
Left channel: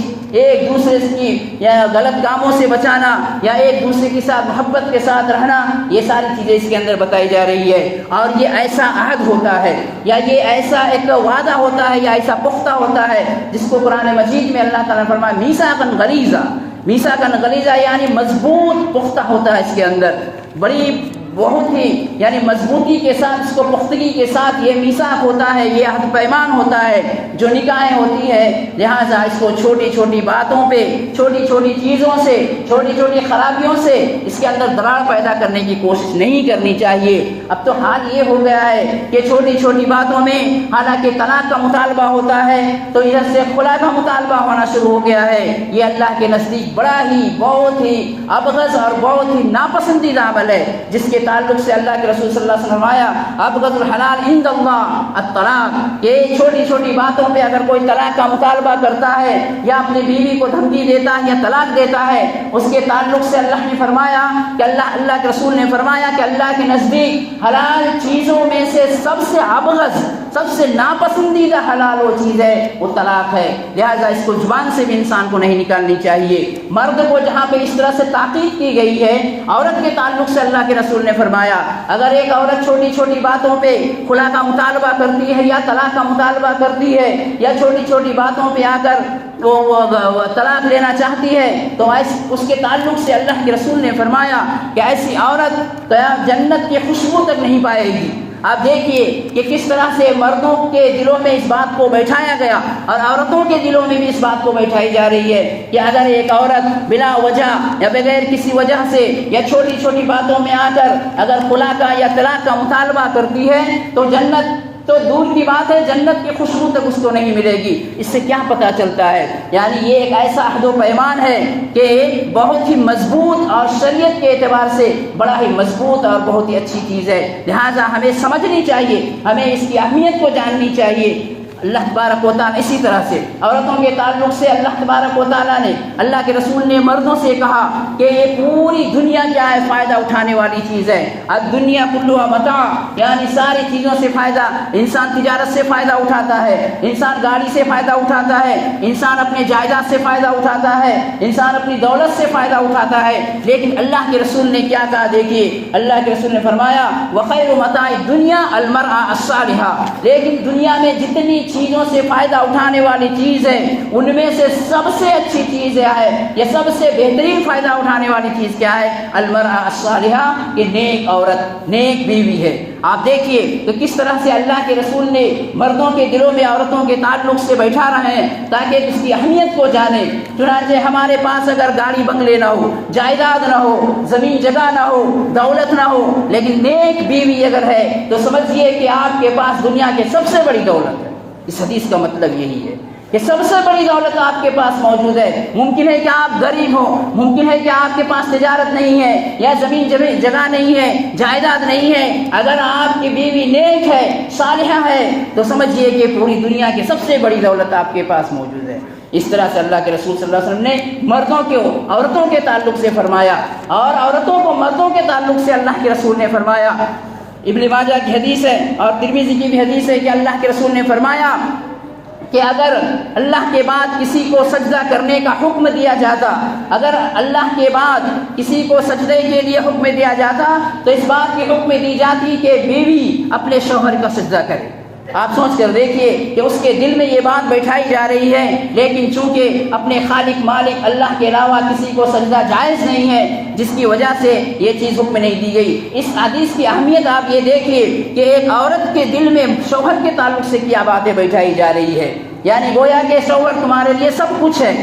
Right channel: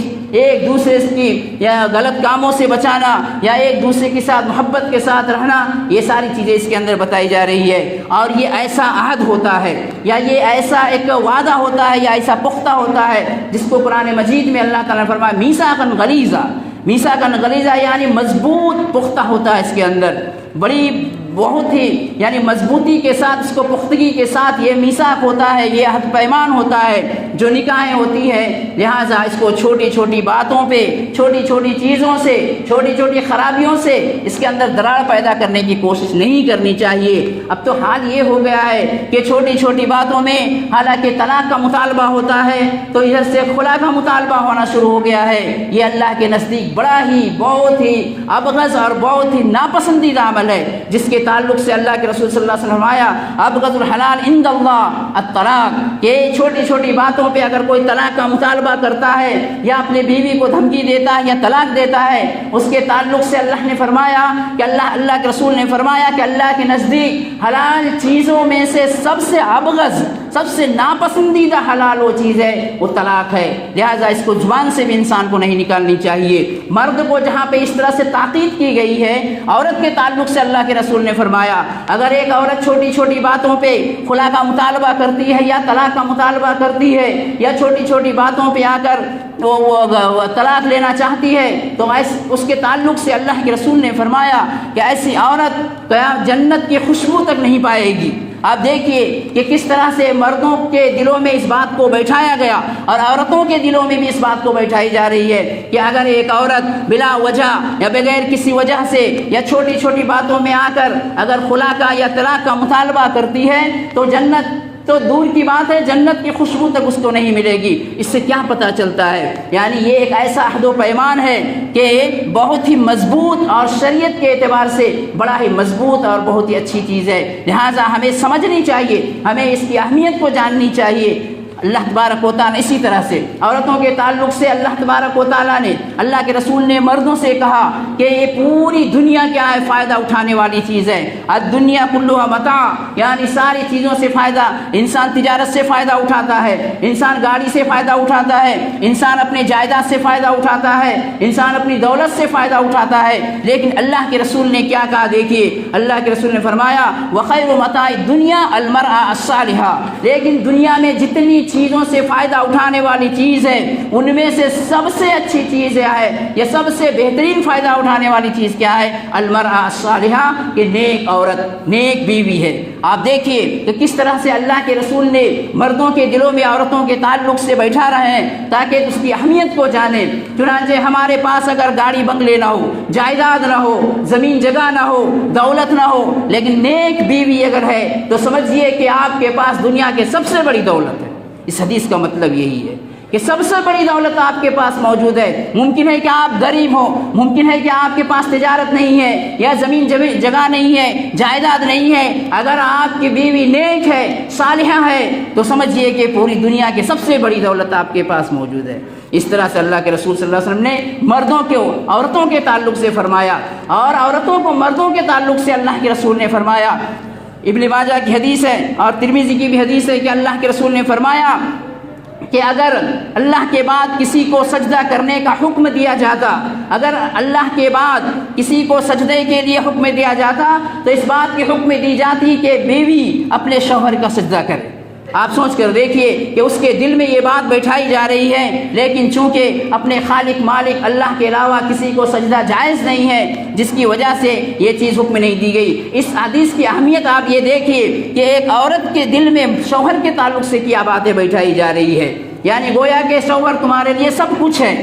یا غلط کاموں سے بچانا یا ایک دوسرے کے ساتھ محبت کے ساتھ رہنا، یہ ساری چیزیں اس کے اندر بتائی جا رہی ہے۔ اور یہ ایسا عہد ہوتا ہے یا یہ ایسا ایک وعدہ ہوتا ہے یا ایسا پختہ ہوتا ہے جس کو قرآن مجید میں اللہ تعالیٰ نے فرمایا میثاقاً غلیظا، میثاقاً غلیظا یعنی مضبوط پختہ ہوتا ہے، اس کے اندر بڑی بہت ہی یعنی مضبوطی کے ساتھ، اس کو پختگی کے ساتھ یہ میثاق ہوتا ہے، یہ عہد پیمان ہوتا ہے جو نکاحیں ہوتی ہے۔ لہٰذا اس کو چھوٹی چھوٹی باتوں پہ، چھوٹی چھوٹی چیزوں سے، چھوٹی چھوٹی خرابیوں سے اس کے اندر دراڑ پیدا کرنے کی کوشش نہیں کرنی چاہیے۔ اب تو حال یہ ہو گیا ہے کہ چھوٹی چھوٹی باتوں میں حالانکہ طلاق کا مطالبہ ہوتا ہے تو ادھر سے خلا کا مطالبہ ہونا شروع ہو گیا ہے۔ یہ اللہ کے نزدیک بڑا ہی بہت ہی ابغض اور بہت ہی ناپسندیدہ عمل ہے، جس کے تعلق سے اللہ کے رسول صلی اللہ علیہ وسلم نے فرمایا ابغض الحلال عند اللہ الطلاق، کہ چھوٹی چھوٹی باتوں پہ اگر کوئی طلاق کا مطالبہ کرتا ہے یا اپنے بیوی کو دھمکی دیتا ہے یا طلاق دیتا ہے، اس کے تعلق سے اللہ نے فرمایا کہ اللہ کے رسول نے فرمایا کہ اللہ کے نزدیک حلال چیزوں میں سے سب سے ابغض، سب سے ناپسندیدہ حلال وہ چیز ہے وہ طلاق ہے۔ لہٰذا اس کو زبان سے بھی انسان کو نہیں نکالنی چاہیے۔ مرد کو جہاں پہ اس طرح سے تاکید کی گئی ہے، عورت کے تعلق سے اللہ کے رسول نے فرمایا اگر ایک عورت چھوٹی چھوٹی باتوں پہ خلا کا مطالبہ کرتی ہے یا طلاق کا مطالبہ کرتی ہے یا چھوٹی چھوٹی باتوں پہ آ کر وہ طلاق لینا چاہتی ہے تو اس کے تعلق سے اللہ کے رسول نے فرمایا کہ ایسی عورت جنت کی خوشبو تک نہیں پائے گی۔ آپ دیکھیے کہ کس طرح سے مردوں کے دلوں میں اس بات کو بیٹھایا گیا اور عورتوں کے دلوں میں بھی اس بات کو بیٹھائی جا رہی ہے کہ اگر ایک عورت بلا وجہ یا بغیر کسی وجہ سے یا چھوٹی چھوٹی باتوں میں آ کر اگر خلا کا یا طلاق کا مطالبہ کرتی ہے تو جنت تو دور کی بات ہے، جنت کی خوشبو تک اس کو نہیں ملے گی۔ اس سے کیا پتہ چلتا ہے؟ یعنی یہ ایک ایسا عہد و پیمان ہے کہ بہت ہی مضبوط اور شریعت کے اعتبار سے بڑا ہی مضبوط اور بہت ہی اچھی چیز ہے۔ لہٰذا ہمیں سمجھنی چاہیے، ہمیں اس کی اہمیت کو جاننی چاہیے۔ اللہ تبارک و تعالیٰ اسی طرح سے عورتوں کے تعلق سے اللہ تبارک و تعالیٰ نے، اللہ کے رسول نے مردوں سے کہا کہ یہ پوری دنیا کیا ہے؟ فائدہ اٹھانے والی چیز ہے۔ الدنیا کلھا متاع، یعنی ساری چیزوں سے فائدہ، انسان تجارت سے فائدہ اٹھاتا ہے، انسان گاڑی سے فائدہ اٹھاتا ہے، انسان اپنے جائیداد سے فائدہ اٹھاتا ہے، انسان اپنی دولت سے فائدہ اٹھاتا ہے، لیکن اللہ کے رسول نے کیا کہا؟ دیکھیے اللہ کے رسول نے فرمایا وخیر متاع الدنیا المرأة الصالحہ، لیکن دنیا میں جتنی چیزوں سے فائدہ اٹھانے والی چیز ہے ان میں سے سب سے اچھی چیز ہے، یہ سب سے بہترین فائدہ اٹھانے والی چیز کیا ہے؟ المرأة الصالحہ، کہ نیک عورت، نیک بیوی ہے۔ آپ دیکھیے تو کس طرح سے اللہ کے رسول نے مردوں کے دلوں میں عورتوں کے تعلق سے بیٹھا رہے ہیں تاکہ اس کی اہمیت کو جانیں۔ چنانچہ ہمارے پاس اگر گاڑی بنگلے نہ ہو، جائیداد نہ ہو، زمین جگہ نہ ہو، دولت نہ ہو، لیکن نیک بیوی اگر ہے تو سمجھیے کہ آپ کے پاس دنیا کی سب سے بڑی دولت ہے۔ اس حدیث کا مطلب یہی ہے کہ سب سے بڑی دولت آپ کے پاس موجود ہے۔ ممکن ہے کہ آپ غریب ہو، ممکن ہے کہ آپ کے پاس تجارت نہیں ہے یا زمین جگہ نہیں ہے، جائیداد نہیں ہے، اگر آپ کی بیوی نیک ہے، صالحہ ہے، تو سمجھیے کہ پوری دنیا کی سب سے بڑی دولت آپ کے پاس موجود ہے۔ اس طرح سے اللہ کے رسول صلی اللہ علیہ وسلم نے مردوں کو عورتوں کے تعلق سے فرمایا اور عورتوں کو مردوں کے تعلق سے اللہ کے رسول نے فرمایا۔ ابن ماجہ کی حدیث ہے اور ترمذی کی بھی حدیث ہے کہ اللہ کے رسول نے فرمایا کہ اگر اللہ کے بعد کسی کو سجدہ کرنے کا حکم دیا جاتا، اگر اللہ کے بعد کسی کو سجدے کے لیے حکم دیا جاتا تو اس بات کی حکم دی جاتی کہ بیوی اپنے شوہر کا سجدہ کرے۔ آپ سوچ کر دیکھیے کہ اس کے دل میں یہ بات بیٹھائی جا رہی ہے، لیکن چونکہ اپنے خالق مالک اللہ کے علاوہ کسی کو سجدہ جائز نہیں ہے، جس کی وجہ سے یہ چیز حکم نہیں دی گئی۔ اس حدیث کی اہمیت آپ یہ دیکھیے کہ ایک عورت کے دل میں شوہر کے تعلق سے کیا باتیں بیٹھائی جا رہی ہے، یعنی گویا کہ شوہر تمہارے لیے سب کچھ ہے،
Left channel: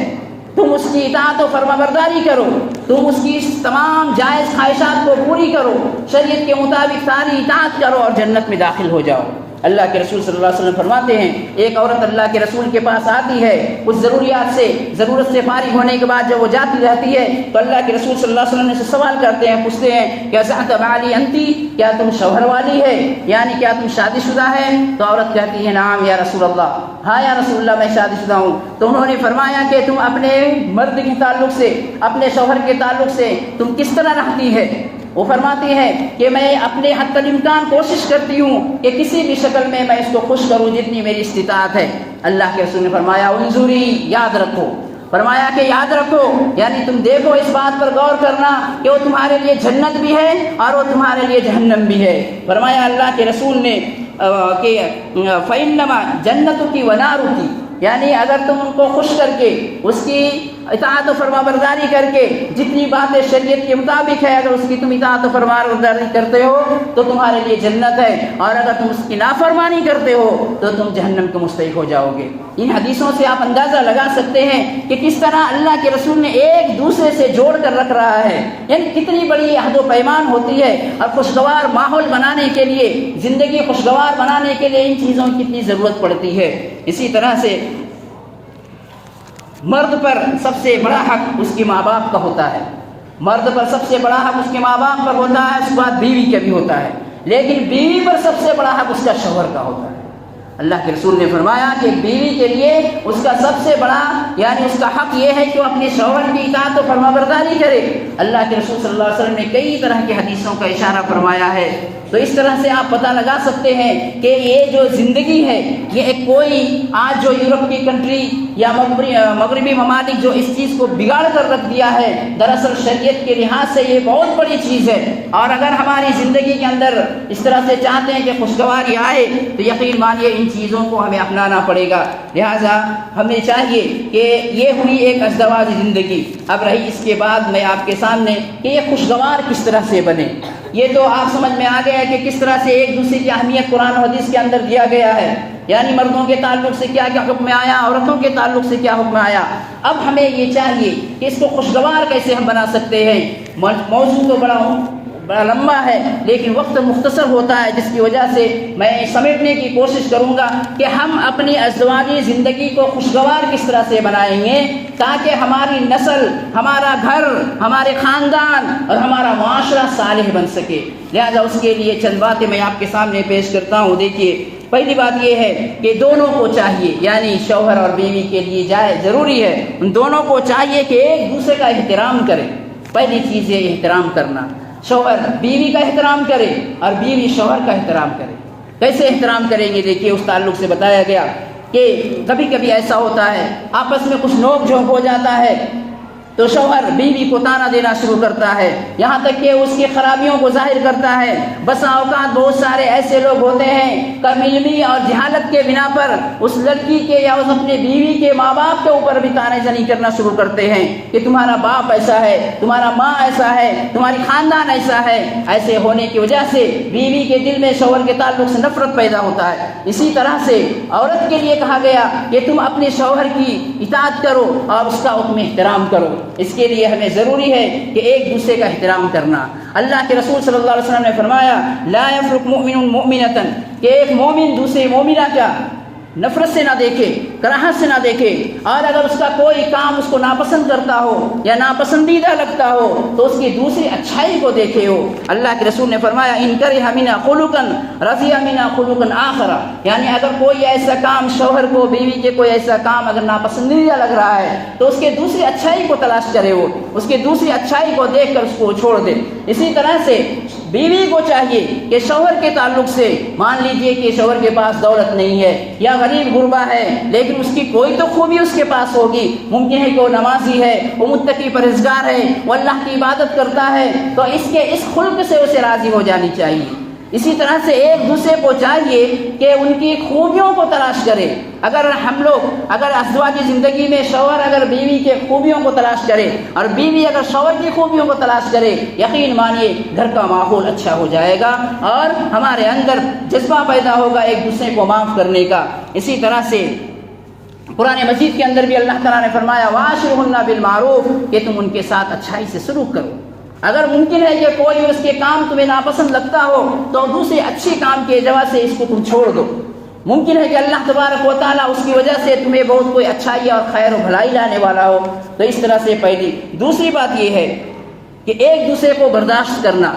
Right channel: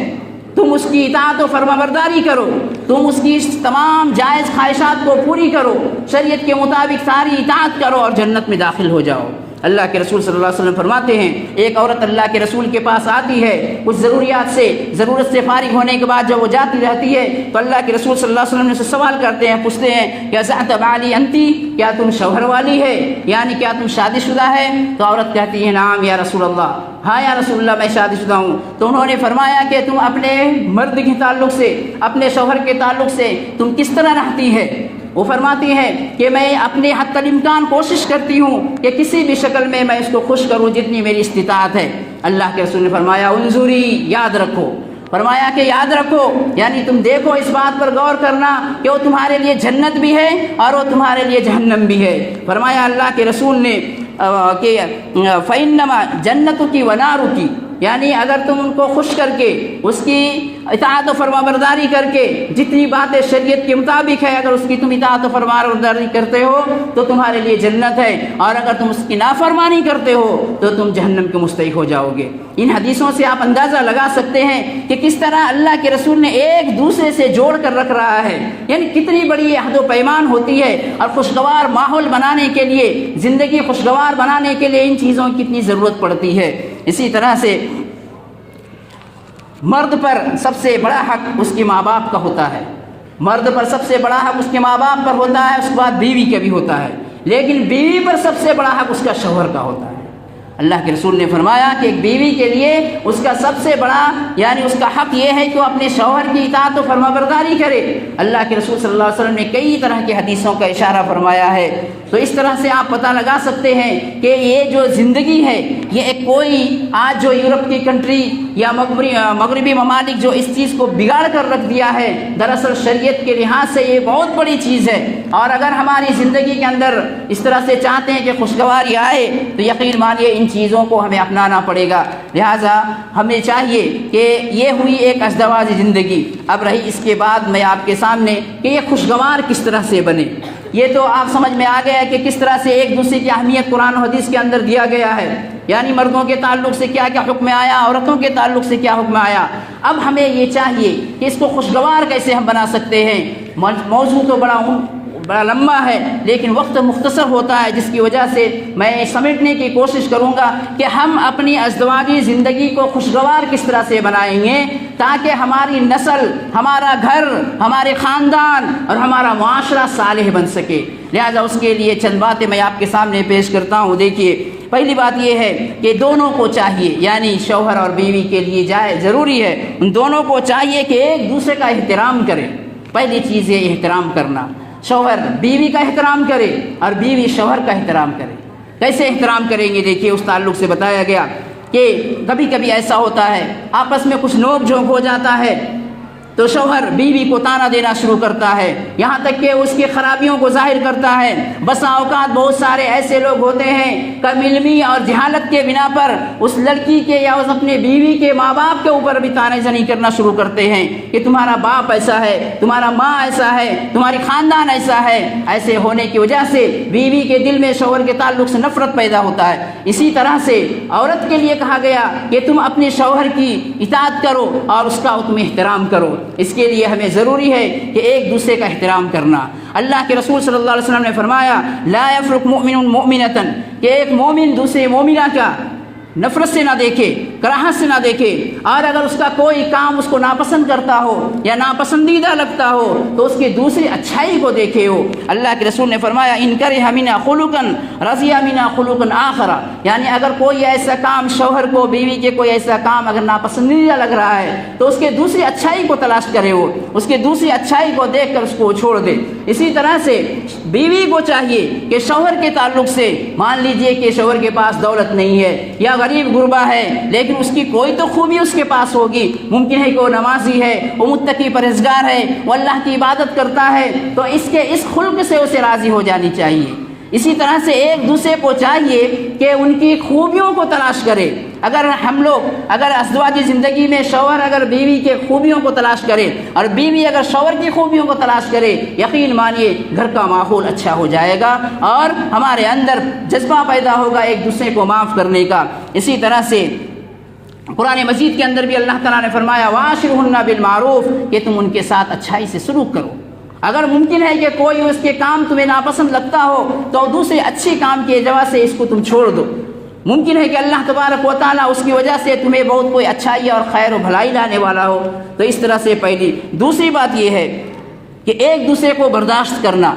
تم اس کی اطاعت و فرمانبرداری کرو، تم اس کی تمام جائز خواہشات کو پوری کرو، شریعت کے مطابق ساری اطاعت کرو اور جنت میں داخل ہو جاؤ۔ اللہ کے رسول صلی اللہ علیہ وسلم فرماتے ہیں ایک عورت اللہ کے رسول کے پاس آتی ہے، اس ضرورت سے فارغ ہونے کے بعد جب وہ جاتی رہتی ہے تو اللہ کے رسول صلی اللہ علیہ وسلم نے سوال کرتے ہیں، پوچھتے ہیں کہ ازعت بالی انتی، کیا تم شوہر والی ہے، یعنی کیا تم شادی شدہ ہے؟ تو عورت کہتی ہے نعم یا رسول اللہ، ہاں یا رسول اللہ میں شادی شدہ ہوں۔ تو انہوں نے فرمایا کہ تم اپنے مرد کے تعلق سے، اپنے شوہر کے تعلق سے تم کس طرح رہتی ہے؟ وہ فرماتی ہے کہ میں اپنے حد الامکان کوشش کرتی ہوں کہ کسی بھی شکل میں اس کو خوش کروں جتنی میری استطاعت ہے۔ اللہ کے رسول نے فرمایا انظری، یاد رکھو، فرمایا کہ یاد رکھو، یعنی تم دیکھو، اس بات پر غور کرنا کہ وہ تمہارے لیے جنت بھی ہے اور وہ تمہارے لیے جہنم بھی ہے۔ فرمایا اللہ کے رسول نے کہ فَإِنَّمَا جَنَّتُكِ وَنَارُكِ، یعنی اگر تم ان کو خوش کر کے اس کی اطاعت و فرمانبرداری کر کے جتنی باتیں شریعت کے مطابق ہے، اگر اس کی تم اطاعت و فرمانبرداری کرتے ہو تو تمہارے لیے جنت ہے، اور اگر تم اس کی نافرمانی کرتے ہو تو تم جہنم کے مستحق ہو جاؤ گے۔ ان حدیثوں سے آپ اندازہ لگا سکتے ہیں کہ کس طرح اللہ کے رسول نے ایک دوسرے سے جوڑ کر رکھ رہا ہے، یعنی کتنی بڑی عہد و پیمان ہوتی ہے، اور خوشگوار ماحول بنانے کے لیے، زندگی خوشگوار بنانے کے لیے ان چیزوں کی کتنی ضرورت پڑتی ہے۔ اسی طرح سے مرد پر سب سے بڑا حق اس کے ماں باپ کا ہوتا ہے، مرد پر سب سے بڑا حق اس کے ماں باپ پر ہوتا ہے، اس کے بعد بیوی کا بھی ہوتا ہے، لیکن بیوی پر سب سے بڑا حق اس کا شوہر کا ہوتا ہے۔ اللہ کے رسول نے فرمایا کہ ایک بیوی کے لیے اس کا سب سے بڑا یعنی اس کا حق یہ ہے کہ وہ اپنے شوہر کی اطاعت و فرمانبرداری کرے۔ اللہ کے رسول صلی اللہ علیہ وسلم نے کئی طرح کی حدیثوں کا اشارہ فرمایا ہے۔ تو اس طرح سے آپ پتہ لگا سکتے ہیں کہ یہ جو زندگی ہے، یہ کوئی آج جو یورپ کی کنٹری یا مغربی ممالک جو اس چیز کو بگاڑ کر رکھ دیا ہے، دراصل شریعت کے لحاظ سے یہ بہت بڑی چیز ہے، اور اگر ہماری زندگی کے اندر اس طرح سے چاہتے ہیں کہ خوشگواری آئے تو یقین مانیے ان چیزوں کو ہمیں اپنانا پڑے گا۔ لہٰذا ہمیں چاہیے کہ یہ ہوئی ایک ازدواجی زندگی، اب رہی اس کے بعد میں آپ کے سامنے کہ یہ خوشگوار کس طرح سے بنے۔ یہ تو آپ سمجھ میں آ گیا ہے کہ کس طرح سے ایک دوسرے کی اہمیت قرآن و حدیث کے اندر دیا گیا ہے، یعنی مردوں کے تعلق سے کیا کیا حکم آیا، عورتوں کے تعلق سے کیا حکم آیا۔ اب ہمیں یہ چاہیے کہ اس کو خوشگوار کیسے ہم بنا سکتے ہیں۔ موضوع تو بڑا لمبا ہے لیکن وقت مختصر ہوتا ہے، جس کی وجہ سے میں سمیٹنے کی کوشش کروں گا کہ ہم اپنی ازدواجی زندگی کو خوشگوار کس طرح سے بنائیں گے تاکہ ہماری نسل، ہمارا گھر، ہمارے خاندان اور ہمارا معاشرہ صالح بن سکے۔ لہذا اس کے لیے چند باتیں میں آپ کے سامنے پیش کرتا ہوں۔ دیکھیے، پہلی بات یہ ہے کہ دونوں کو چاہیے، یعنی شوہر اور بیوی کے لیے ضروری ہے، ان دونوں کو چاہیے کہ ایک دوسرے کا احترام کریں۔ پہلی چیز یہ احترام کرنا، شوہر بیوی کا احترام کرے اور بیوی شوہر کا احترام کرے۔ کیسے احترام کریں گے؟ دیکھیے، اس تعلق سے بتایا گیا کہ کبھی کبھی ایسا ہوتا ہے آپس میں کچھ نوک جھونک ہو جاتا ہے، تو شوہر بیوی کو تانا دینا شروع کرتا ہے، یہاں تک کہ اس کی خرابیوں کو ظاہر کرتا ہے۔ بسا اوقات بہت سارے ایسے لوگ ہوتے ہیں کم علمی اور جہالت کے بنا پر اس لڑکی کے یا اس اپنے بیوی کے ماں باپ کے اوپر بھی تانے زنی کرنا شروع کرتے ہیں کہ تمہارا باپ ایسا ہے، تمہارا ماں ایسا ہے، تمہاری خاندان ایسا ہے۔ ایسے ہونے کی وجہ سے بیوی کے دل میں شوہر کے تعلق سے نفرت پیدا ہوتا ہے۔ اسی طرح سے عورت کے لیے کہا گیا کہ تم اپنے شوہر کی اطاعت کرو اور اس کا حکم احترام کرو۔ اس کے لیے ہمیں ضروری ہے کہ ایک دوسرے کا احترام کرنا۔ اللہ کے رسول صلی اللہ علیہ وسلم نے فرمایا لا یفرق مؤمن مؤمنۃ، کہ ایک مومن دوسرے مومنہ کا نفرت سے نہ دیکھے، کراہت سے نہ دیکھے، اور اگر اس کا کوئی کام اس کو ناپسند کرتا ہو یا ناپسندیدہ لگتا ہو تو اس کی دوسری اچھائی کو دیکھے ہو۔ اللہ کے رسول نے فرمایا ان کرہ منا خلقا رضی منا خلقا آخر، یعنی اگر کوئی ایسا کام شوہر کو، بیوی کے کوئی ایسا کام اگر ناپسندیدہ لگ رہا ہے تو اس کے دوسری اچھائی کو تلاش کرے، وہ اس کی دوسری اچھائی کو دیکھ کر اس کو چھوڑ دے۔ اسی طرح سے بیوی کو چاہیے کہ شوہر کے تعلق سے، مان لیجئے کہ شوہر کے پاس دولت نہیں ہے یا غریب غربا ہے، لیکن اس کی کوئی تو خوبی اس کے پاس ہوگی، ممکن ہے کہ وہ نمازی ہے، وہ متقی پرہیزگار ہے، وہ اللہ کی عبادت کرتا ہے، تو اس کے اس خلق سے اسے راضی ہو جانی چاہیے۔ اسی طرح سے ایک دوسرے کو چاہیے کہ ان کی خوبیوں کو تلاش کرے۔ اگر ہم لوگ ازدواجی زندگی میں شوہر اگر بیوی کے خوبیوں کو تلاش کرے اور بیوی اگر شوہر کی خوبیوں کو تلاش کرے، یقین مانیے گھر کا ماحول اچھا ہو جائے گا اور ہمارے اندر جذبہ پیدا ہوگا ایک دوسرے کو معاف کرنے کا۔ اسی طرح سے قرآن مجید کے اندر بھی اللہ تعالیٰ نے فرمایا وَعَاشِرْهُنَّ بِالْمَعْرُوفِ، کہ تم ان کے ساتھ اچھائی سے سلوک کرو۔ اگر ممکن ہے کہ کوئی اس کے کام تمہیں ناپسند لگتا ہو تو دوسرے اچھی کام کی وجہ سے اس کو تم چھوڑ دو۔ ممکن ہے کہ اللہ تبارک و تعالیٰ اس کی وجہ سے تمہیں بہت کوئی اچھائی اور خیر و بھلائی لانے والا ہو، تو اس طرح سے پہلی۔ دوسری بات یہ ہے کہ ایک دوسرے کو برداشت کرنا۔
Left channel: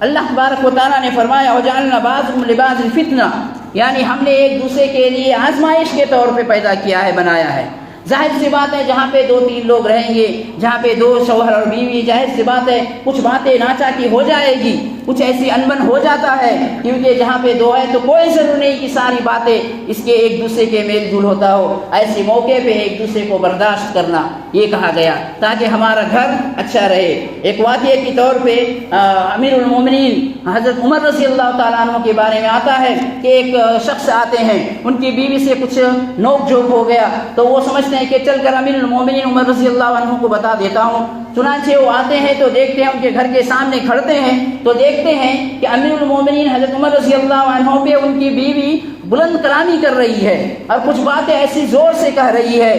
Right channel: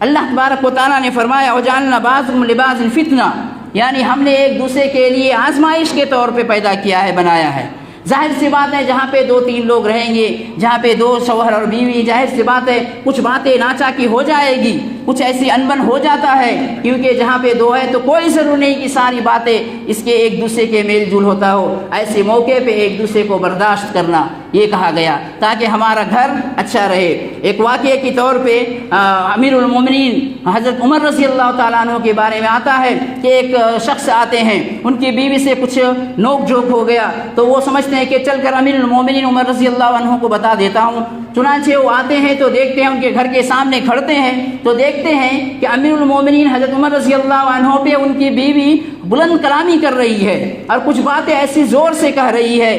اللہ تبارک و تعالیٰ نے فرمایا وَجَعَلْنَا بَعْضَكُمْ لِبَعْضٍ فِتْنَةً، یعنی ہم نے ایک دوسرے کے لیے آزمائش کے طور پہ پیدا کیا ہے، بنایا ہے۔ ظاہر سی بات ہے جہاں پہ 2-3 لوگ رہیں گے، جہاں پہ 2 شوہر اور بیوی، ظاہر سی بات ہے کچھ باتیں ناچاکی ہو جائے گی، کچھ ایسی انبن ہو جاتا ہے، کیونکہ جہاں پہ 2 ہے تو کوئی ضرور نہیں کہ ساری باتیں اس کے ایک دوسرے کے میل جول ہوتا ہو۔ ایسے موقع پہ ایک دوسرے کو برداشت کرنا یہ کہا گیا تاکہ ہمارا گھر اچھا رہے۔ ایک واقعے کے طور پہ امیر المومنین حضرت عمر رضی اللہ تعالیٰ عنہ کے بارے میں آتا ہے کہ ایک شخص آتے ہیں، ان کی بیوی سے کچھ نوک جھوک ہو گیا تو وہ سمجھتے ہیں کہ چل کر امیر المومنین عمر رضی اللہ عنہ کو بتا دیتا ہوں۔ چنانچہ وہ آتے ہیں تو دیکھتے ہیں ان کے گھر کے سامنے کھڑتے ہیں تو دیکھتے ہیں کہ امیر المومنین حضرت عمر رضی اللہ عنہ پہ ان کی بیوی بلند کلامی کر رہی ہے اور کچھ باتیں ایسی زور سے کہہ رہی ہے،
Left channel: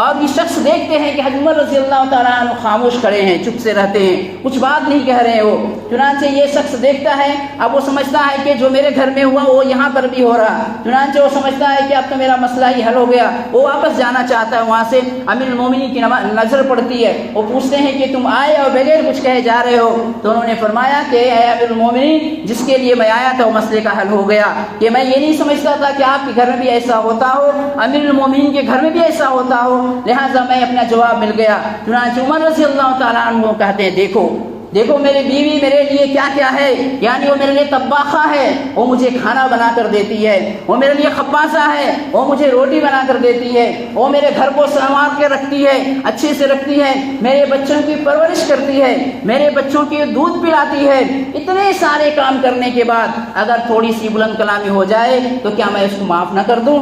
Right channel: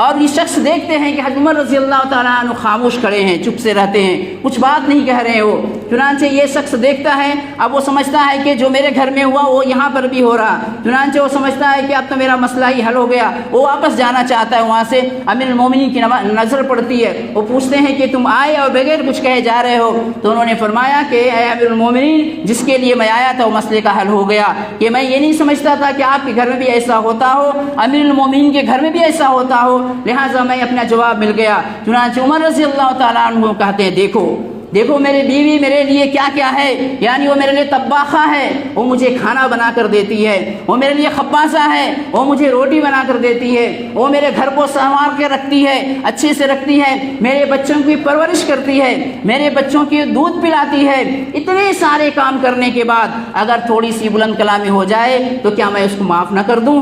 اور یہ شخص دیکھتے ہیں کہ حضرت عمر رضی اللہ تعالیٰ عنہ خاموش کھڑے ہیں، چپ سے رہتے ہیں، کچھ بات نہیں کہہ رہے وہ۔ چنانچہ یہ شخص دیکھتا ہے، اب وہ سمجھتا ہے کہ جو میرے گھر میں ہوا وہ یہاں پر بھی ہو رہا۔ چنانچہ وہ سمجھتا ہے کہ اب تو میرا مسئلہ ہی حل ہو گیا، وہ واپس جانا چاہتا ہے وہاں سے۔ امیر المومنین کی نظر پڑتی ہے، وہ پوچھتے ہیں کہ تم آئے اور بغیر کچھ کہے جا رہے ہو؟ تو انہوں نے فرمایا کہ اے امیر المومنین، جس کے لیے میں آیا تھا وہ مسئلے کا حل ہو گیا، کہ میں یہ نہیں سمجھتا تھا کہ آپ کے گھر میں بھی ایسا ہوتا ہو، امیر المومنین کے گھر میں بھی ایسا ہوتا ہو، لہٰذا میں اپنا جواب مل گیا۔ چنانچہ عمر رضی اللہ تعالیٰ عنہ کہتے ہیں دیکھو میری بیوی میرے لیے کیا کیا ہے، یعنی وہ میرے لیے طباخہ ہے، وہ مجھے کھانا بنا کر دیتی ہے، وہ میرے لیے خبازہ ہے، وہ مجھے روٹی بنا کر دیتی ہے، وہ میرے گھر کو سنوار کے رکھتی ہے، اچھے سے رکھتی ہے، میرے بچوں کی پرورش کرتی ہے، میرے بچوں کی دودھ پلاتی ہے۔ اتنے سارے کام کرنے کے بعد اگر تھوڑی سی بلند کلامی ہو جائے تو کیا میں اس کو معاف نہ کر دوں؟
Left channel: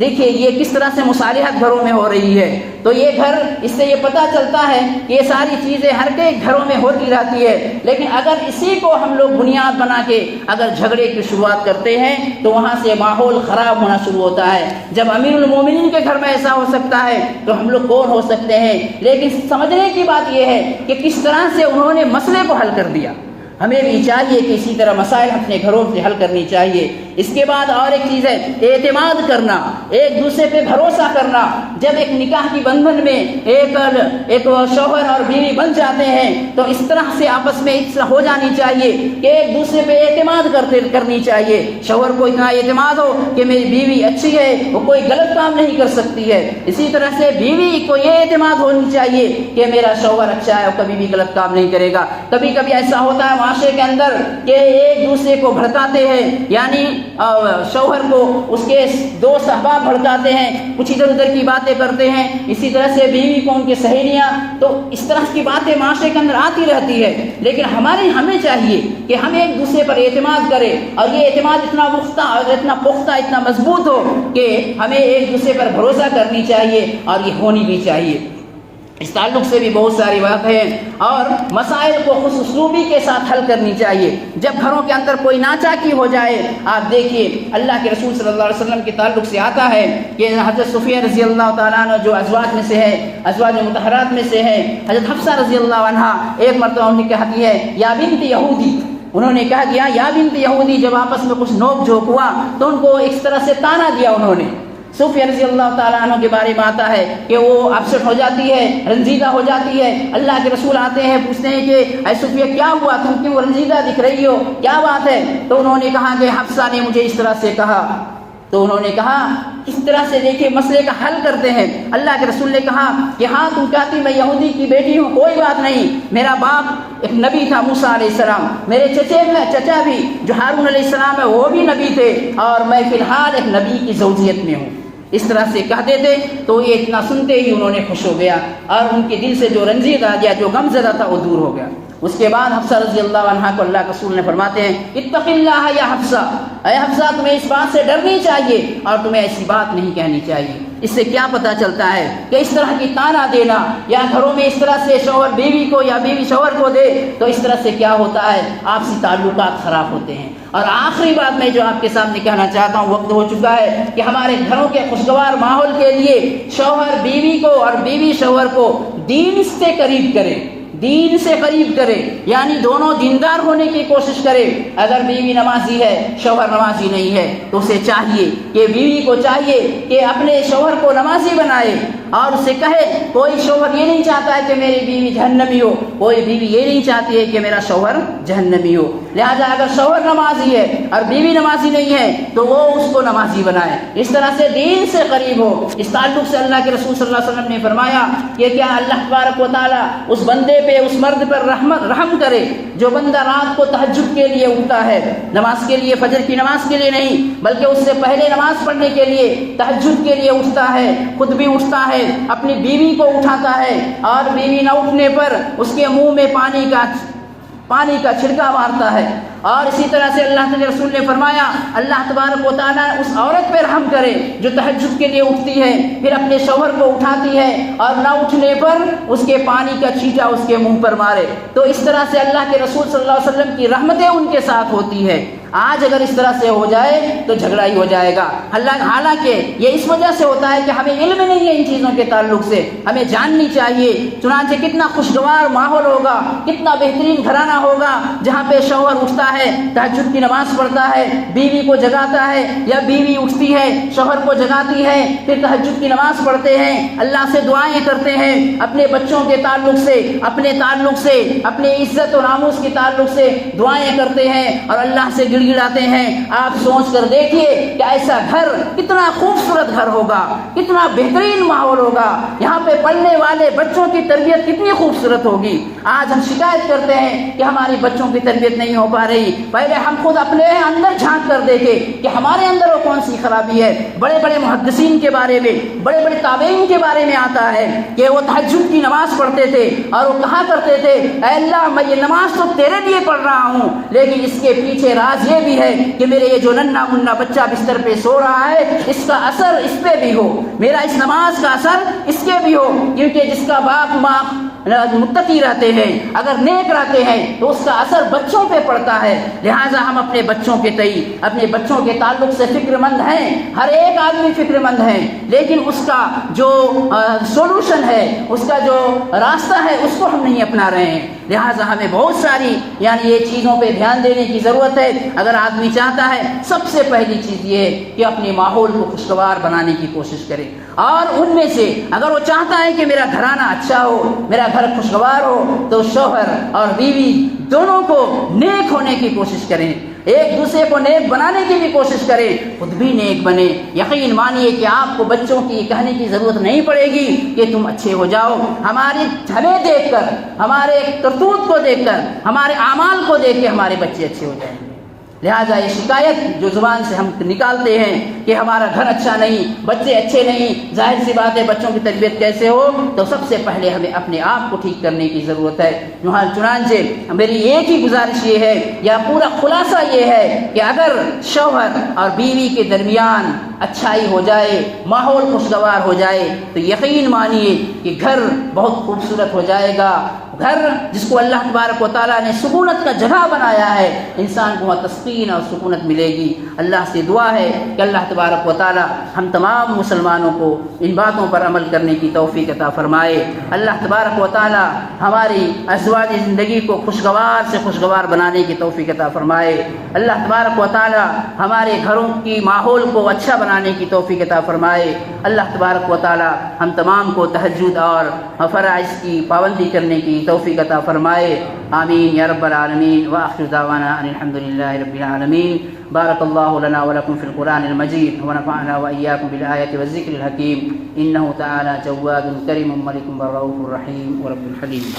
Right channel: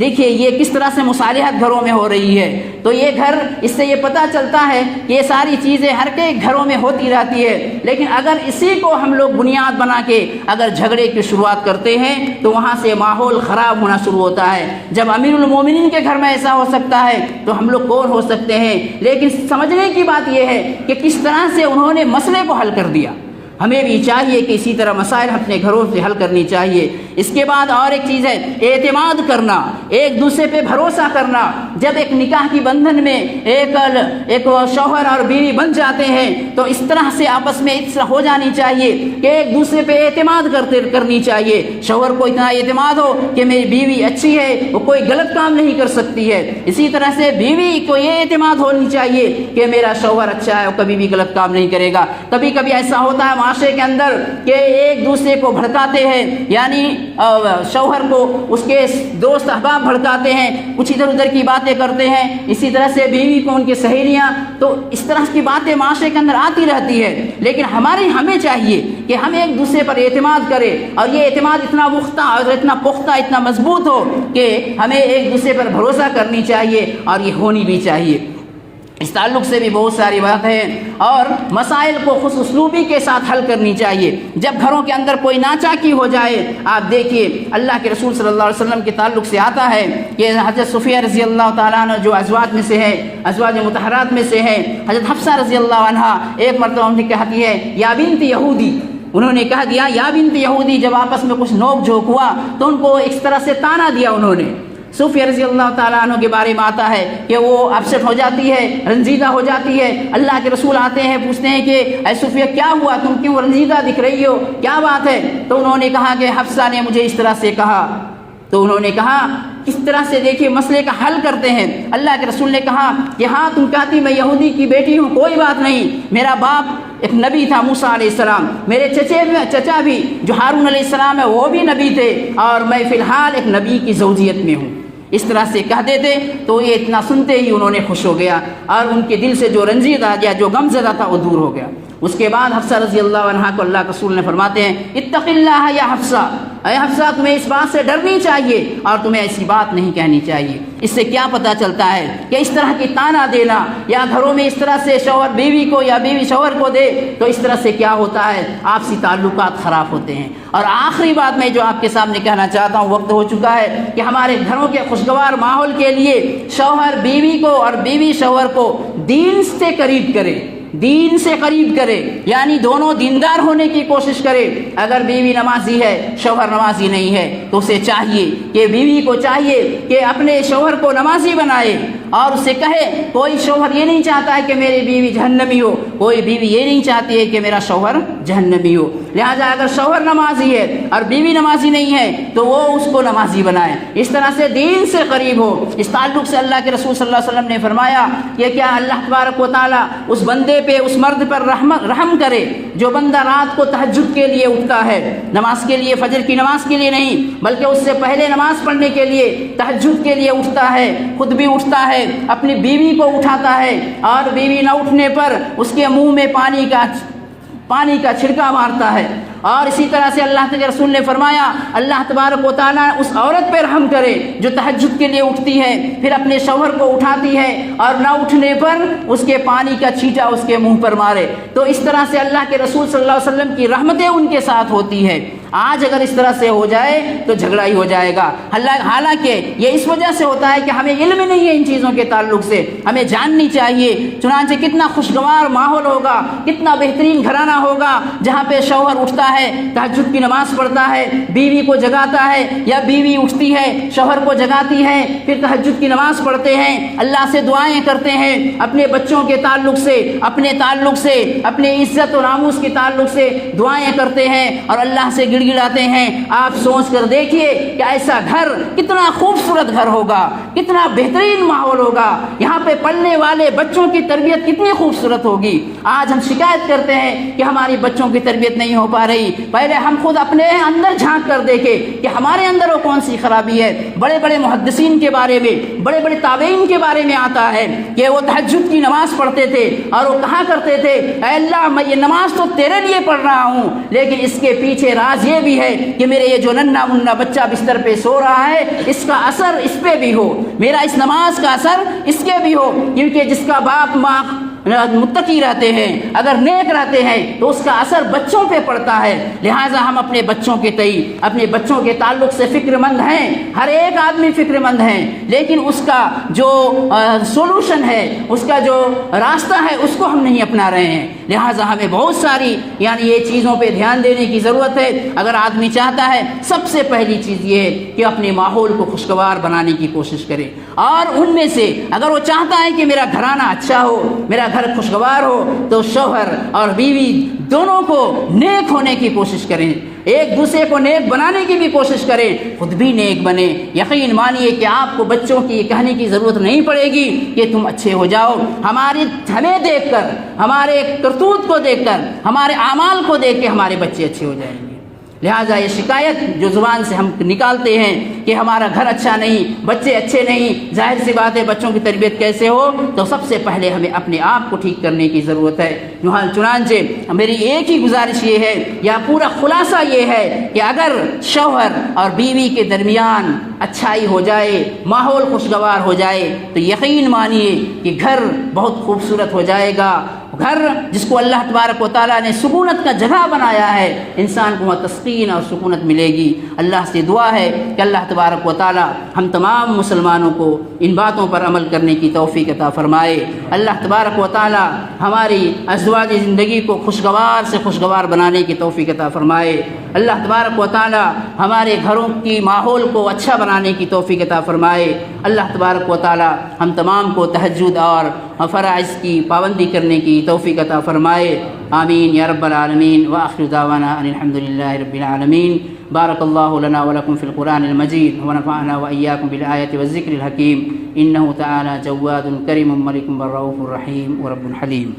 دیکھیے یہ کس طرح سے مصالحت گھروں میں ہو رہی ہے۔ تو یہ گھر، اس سے یہ پتہ چلتا ہے کہ یہ ساری چیزیں ہر ایک گھروں میں ہوتی رہتی ہے، لیکن اگر اسی کو ہم لوگ بنیاد بنا کے اگر جھگڑے کی شروعات کرتے ہیں تو وہاں سے ماحول خراب ہونا شروع ہوتا ہے۔ جب امیر المومنین کے گھر میں ایسا ہو سکتا ہے تو ہم لوگ کون ہو سکتے ہیں؟ لیکن سمجھنے کی بات یہ ہے کہ کس طرح سے انہوں نے مسئلے کو حل کر دیا۔ ہمیں بھی چاہیے کہ اسی طرح مسائل اپنے گھروں سے حل کرنی چاہیے۔ اس کے بعد اور ایک چیز ہے اعتماد کرنا، ایک دوسرے پہ بھروسہ کرنا۔ جب ایک نکاح کی بندھن میں ایک شوہر اور بیوی بن جاتے ہیں تو اس طرح سے آپس میں ہو جانی چاہیے کہ ایک دوسرے پہ اعتماد کرنی چاہیے۔ شوہر کو اتنا اعتماد ہو کہ میری بیوی اچھی ہے، وہ کوئی غلط کام نہیں کر سکتی ہے، اسی طرح سے بیوی کو یہ اعتماد ہونی چاہیے کہ میرا شوہر اچھا ہے، وہ کبھی بھی غلط کام نہیں کرے گا۔ کبھی کبھی ایسا ہوتا ہے معاشرے کے اندر کہ ایک دوسرے کو بھڑکاتے ہیں، یعنی شوہر کو اس کے دوست احباب بھڑکاتے ہیں، کچھ ادھر ادھر کی باتیں کرتے ہیں، اسی طرح سے بیوی کو ان کی سہیلیاں، تو اس طرح کی باتیں معاشرے کے اندر آتی رہتی ہے۔ لیکن ہمیں چاہیے کہ ہم ایک دوسرے پر اعتماد کریں، اور یہ اعتماد اتنا پختہ اتنا مضبوط ہو کہ ہمیں ایک دوسرے پر بھروسہ کرنی چاہیے، اور یہ ہونی بھی چاہیے۔ اس تعلق سے بھی بہت ساری باتیں ہیں، اور مسائل کو خوش اسلوبی کے ساتھ حل کرنی چاہیے۔ جب گھروں کے اندر کوئی ناچاکی ہو جائے، آپ دیکھیے اللہ کے رسول صلی اللہ علیہ وسلم کے تعلق سے آتا ہے کہ حضرت صفیہ رضی اللہ تعالیٰ عنہ جو ازواج میں سے ہے، ازواج مطہرات میں سے ہے، حضرت حفصہ رضی اللہ عنہا ایک مرتبہ انہیں کہتی ہے یا بنت یہودی، انہوں نے کہہ دیا یا بنت یہودی، جب آپس میں کچھ نوک جھوک ہوا تو ان کو اس طرح سے تانا دیا انہوں نے۔ صفیہ رضی اللہ تعالیٰ عنہ کے بارے میں آتا ہے کہ وہ اپسٹ ہو جاتی ہے، رنجیدہ ہو جاتی ہے، اللہ کے رسول آتے ہیں، پوچھتے ہیں کہ اے صفیہ کیا ہوا، تم کیوں رنجیدہ دکھ رہی ہو، کیا بات ہے؟ تو انہوں نے کہا کہ حفصہ نے مجھے اس طرح سے کہا۔ تو انہوں نے کہا اس طرح سے دیکھیے مسئلے کا حل کرتے ہیں۔ اللہ کے رسول نے کہا کہ ہاں تم کہتی میں یہودی کی بیٹی ہوں، کوئی بات نہیں، میرا باپ ایک نبی تھا موسیٰ علیہ السلام، میرے چچا بھی جو ہارون علیہ السلام ہے وہ بھی نبی تھے، اور میں فی الحال ایک نبی کی زوجیت میں ہوں۔ اس طرح سے کہہ دیتے تو یہ اتنا سنتے ہی انہوں نے خوش ہو گیا، اور ان کے دل سے جو رنجیت آ گیا، جو غم زدہ تھا، وہ دور ہو گیا۔ اس کے بعد حفصہ رضی اللہ عنہا کو اللہ کے رسول نے فرماتے ہیں اتق اللہ یا حفصہ، اے حفصہ تمہیں اس بات سے ڈرنی چاہیے اور تمہیں ایسی بات نہیں کہنی چاہیے۔ اس سے کیا پتہ چلتا ہے کہ اس طرح کی تانا دینا، یا گھروں میں اس طرح سے شوہر بیوی کو یا بیوی شوہر کو دے، تو اس طرح سے کیا ہوتا ہے، آپسی تعلقات خراب ہوتے ہیں۔ اور آخری بات میں جو آپ کے سامنے کہنا چاہتا ہوں، وقت ہو چکا ہے، کہ ہمارے گھروں کے خوشگوار ماحول کے لیے شوہر بیوی کو اور بیوی شوہر کو دین سے قریب کرے، دین سے قریب کرے، یعنی دونوں دیندار ہونے کی کوشش کرے۔ اگر بیوی نمازی ہے، شوہر نمازی نہیں ہے، تو اسے چاہیے کہ بیوی کو چاہیے کہ اپنے شوہر کو نمازی بنائے، اور اسے کہے کوئی شوہر یہ نہیں چاہتا ہے کہ میری بیوی جہنمی ہو، کوئی بیوی یہ نہیں چاہتی ہے کہ میرا شوہر جہنمی ہو، لہذا اگر شوہر نمازی ہے اور بیوی نمازی نہیں ہے تو وہ اس کو نمازی بنائے، اس طرح سے دین سے قریب ہو۔ اس تعلق سے اللہ کے رسول صلی اللہ علیہ وسلم نے فرمایا کہ کیا اللہ تبارک و تعالیٰ اس بندے پہ، اس مرد پر رحم کرے جو بندہ رات کو تہجد کے لیے اٹھتا ہے، نماز کے لیے، فجر کی نماز کے لیے نہیں بلکہ اس سے پہلے نماز پڑھنے کے لیے، تہجد کے لیے اٹھتا ہے، خود بھی اٹھتا ہے، اپنی بیوی کو اٹھاتا ہے، اور بیوی نہ اٹھنے پر اس کے منہ میں پانی کا چھڑکا مارتا ہے۔ اور اسی طرح سے اللہ کے رسول نے فرمایا اللہ تبارک و تعالیٰ اس عورت پہ رحم کرے جو تہجد کے لیے اٹھتی ہے، پھر اپنے شوہر کو اٹھاتی ہے، اور نہ اٹھنے پر اس کے پانی کا چھینٹا اس کے منہ پر مارے۔ تو اس طرح سے اللہ کے رسول صلی اللہ علیہ وسلم کی رحمتیں ان کے ساتھ ہوتی ہے۔ آج اگر اس طرح سے ہو جائے تو جھگڑا ہی ہو جائے گا۔ حالانکہ یہ اس وجہ سے ہوتا ہے کہ ہمیں علم نہیں ہے ان چیزوں کے تعلق سے، ہمیں جاننی چاہیے۔ چنانچہ کتنا خوشگوار ماحول ہوگا، کتنا بہترین گھرانہ ہوگا جہاں پہ شوہر اٹھتا ہے، تہجد کی نماز پڑھتا ہے، بیوی کو جگاتا ہے، یا بیوی اٹھتی ہے شوہر کو جگاتی ہے، پھر تہجد کی نماز پڑھتے ہیں، اللہ سے دعائیں کرتے ہیں، اپنے بچوں کے تعلق سے، اپنے تعلق سے، اپنے عزت و ناموس کے تعلق سے دعائیں کرتے ہیں، اور اللہ سے گڑ گڑاتے ہیں۔ آپ سوچ کر دیکھیے کہ ایسا گھر کتنا خوبصورت گھر ہوگا، کتنا بہترین ماحول ہوگا، یہاں پہ پڑھنے والے بچوں کی تربیت کتنی خوبصورت ہوگی۔ آج ہم شکایت کرتے ہیں کہ ہماری بچوں کی تربیت نہیں ہو پا رہی، پہلے ہم خود اپنے اندر جھانک کر دیکھیں کہ ہمارے اندر وہ کون سی خرابی ہے۔ بڑے بڑے محدثین کے بارے میں، بڑے بڑے تابعین کے بارے میں آتا ہے کہ وہ تہجد کی نماز پڑھتے تھے، اور وہ کہا کرتے تھے اے اللہ میں یہ نماز تو تیرے لیے پڑھ رہا ہوں، لیکن اس کے پیچھے راز یہ بھی ہے کہ میرے یہ جو ننھا منھا بچہ بستر پہ سو رہا ہے، اس کا اثر اس پہ بھی ہو، میرا اس نماز کا اثر اس کے بھی ہو، کیونکہ جس کا باپ ماں متقی رہتے ہیں، اگر نیک رہتے ہیں، تو اس کا اثر بچوں پہ پڑتا ہے۔ لہٰذا ہم اپنے بچوں کے تئیں، اپنے بچوں کے تعلق سے فکر مند ہیں، ہر ایک آدمی فکر مند ہے، لیکن اس کا جو سولوشن ہے، اس کا جو راستہ ہے، اس کو ہم نہیں اپنا رہے ہیں۔ لہٰذا ہمیں بہت ساری یعنی یہ چیزوں پہ دھیان دینے کی ضرورت ہے۔ اگر آدمی چاہتا ہے، سب سے پہلی چیز یہ ہے کہ اپنے ماحول کو خوشگوار بنانے کی کوشش کرے، اور ان میں سے اگر وہ چاہتا ہے کہ میرا گھرانہ اچھا ہو، میرا گھر خوشگوار ہو، تو شوہر اور بیوی دونوں کو نیک ہونے کی کوشش کریں، ایک دوسرے کو نیک بنانے کی بھی کوشش کریں، خود بھی نیک بنے۔ یقین مانیے کہ آپ کو بچوں کی کہنے کی ضرورت نہیں پڑے گی کہ تم اچھے ہو جاؤ، ہمیں دیکھ کر، ہمارے کرتوت کو دیکھ کر، ہمارے اعمال کو دیکھ کے ہمارے بچے اچھے ہو جائیں گے۔ لہٰذا یہ شکایت جو زبان سے ہم نکالتے ہیں کہ ہمارا گھر اچھا نہیں، بچے اچھے نہیں، ظاہر سی بات ہے بچوں کی تربیت کیسے ہو، تو سب سے پہلے ہمیں اپنے آپ کو ٹھیک کرنے کی ضرورت ہے۔ چنانچہ میری ایک ہی گزارش یہ ہے، یا پورا خلاصہ یہ ہے کہ اگر شوہر اور بیوی کے درمیان اچھائی ہو جائے، ماحول خوشگوار ہو جائے، تو یقین مانیے کہ گھر بہت خوبصورت ہو جائے گا۔ گھر جس کو اللہ تبارک و تعالیٰ نے سکونت کا جگہ بنایا ہے، انسان کو وہاں تسکین اور سکونت ملے گی۔ اللہ سے دعا ہے کہ اللہ تبارک و تعالیٰ ہم تمام مسلمانوں کو ان باتوں پر عمل کرنے کی توفیق عطا فرمائے۔ اللہ تبارک و تعالیٰ ہماری ازواجی زندگی کو خوشگوار سے خوشگوار بنانے کی توفیق عطا فرمائے۔ اللہ تبارک و تعالیٰ ہمارے گھروں کی ماحول کو اچھا بنانے کی توفیق عطا فرمائے۔ اللہ تبارک و تعالیٰ ہم تمام کو تہجد اور فرائض کی پابندی کرنے کی توفیق عطا فرمائے۔ آمین یا رب العالمین۔ وآخر دعوانا ان الحمد للہ رب العالمین۔ بارک اللہ لنا ولکم فی القرآن المجید ونفعنا وإیاکم بالآیات والذکر الحکیم، انہ تعالی جواد کریم ملک رؤوف رحیم ورب حلیم۔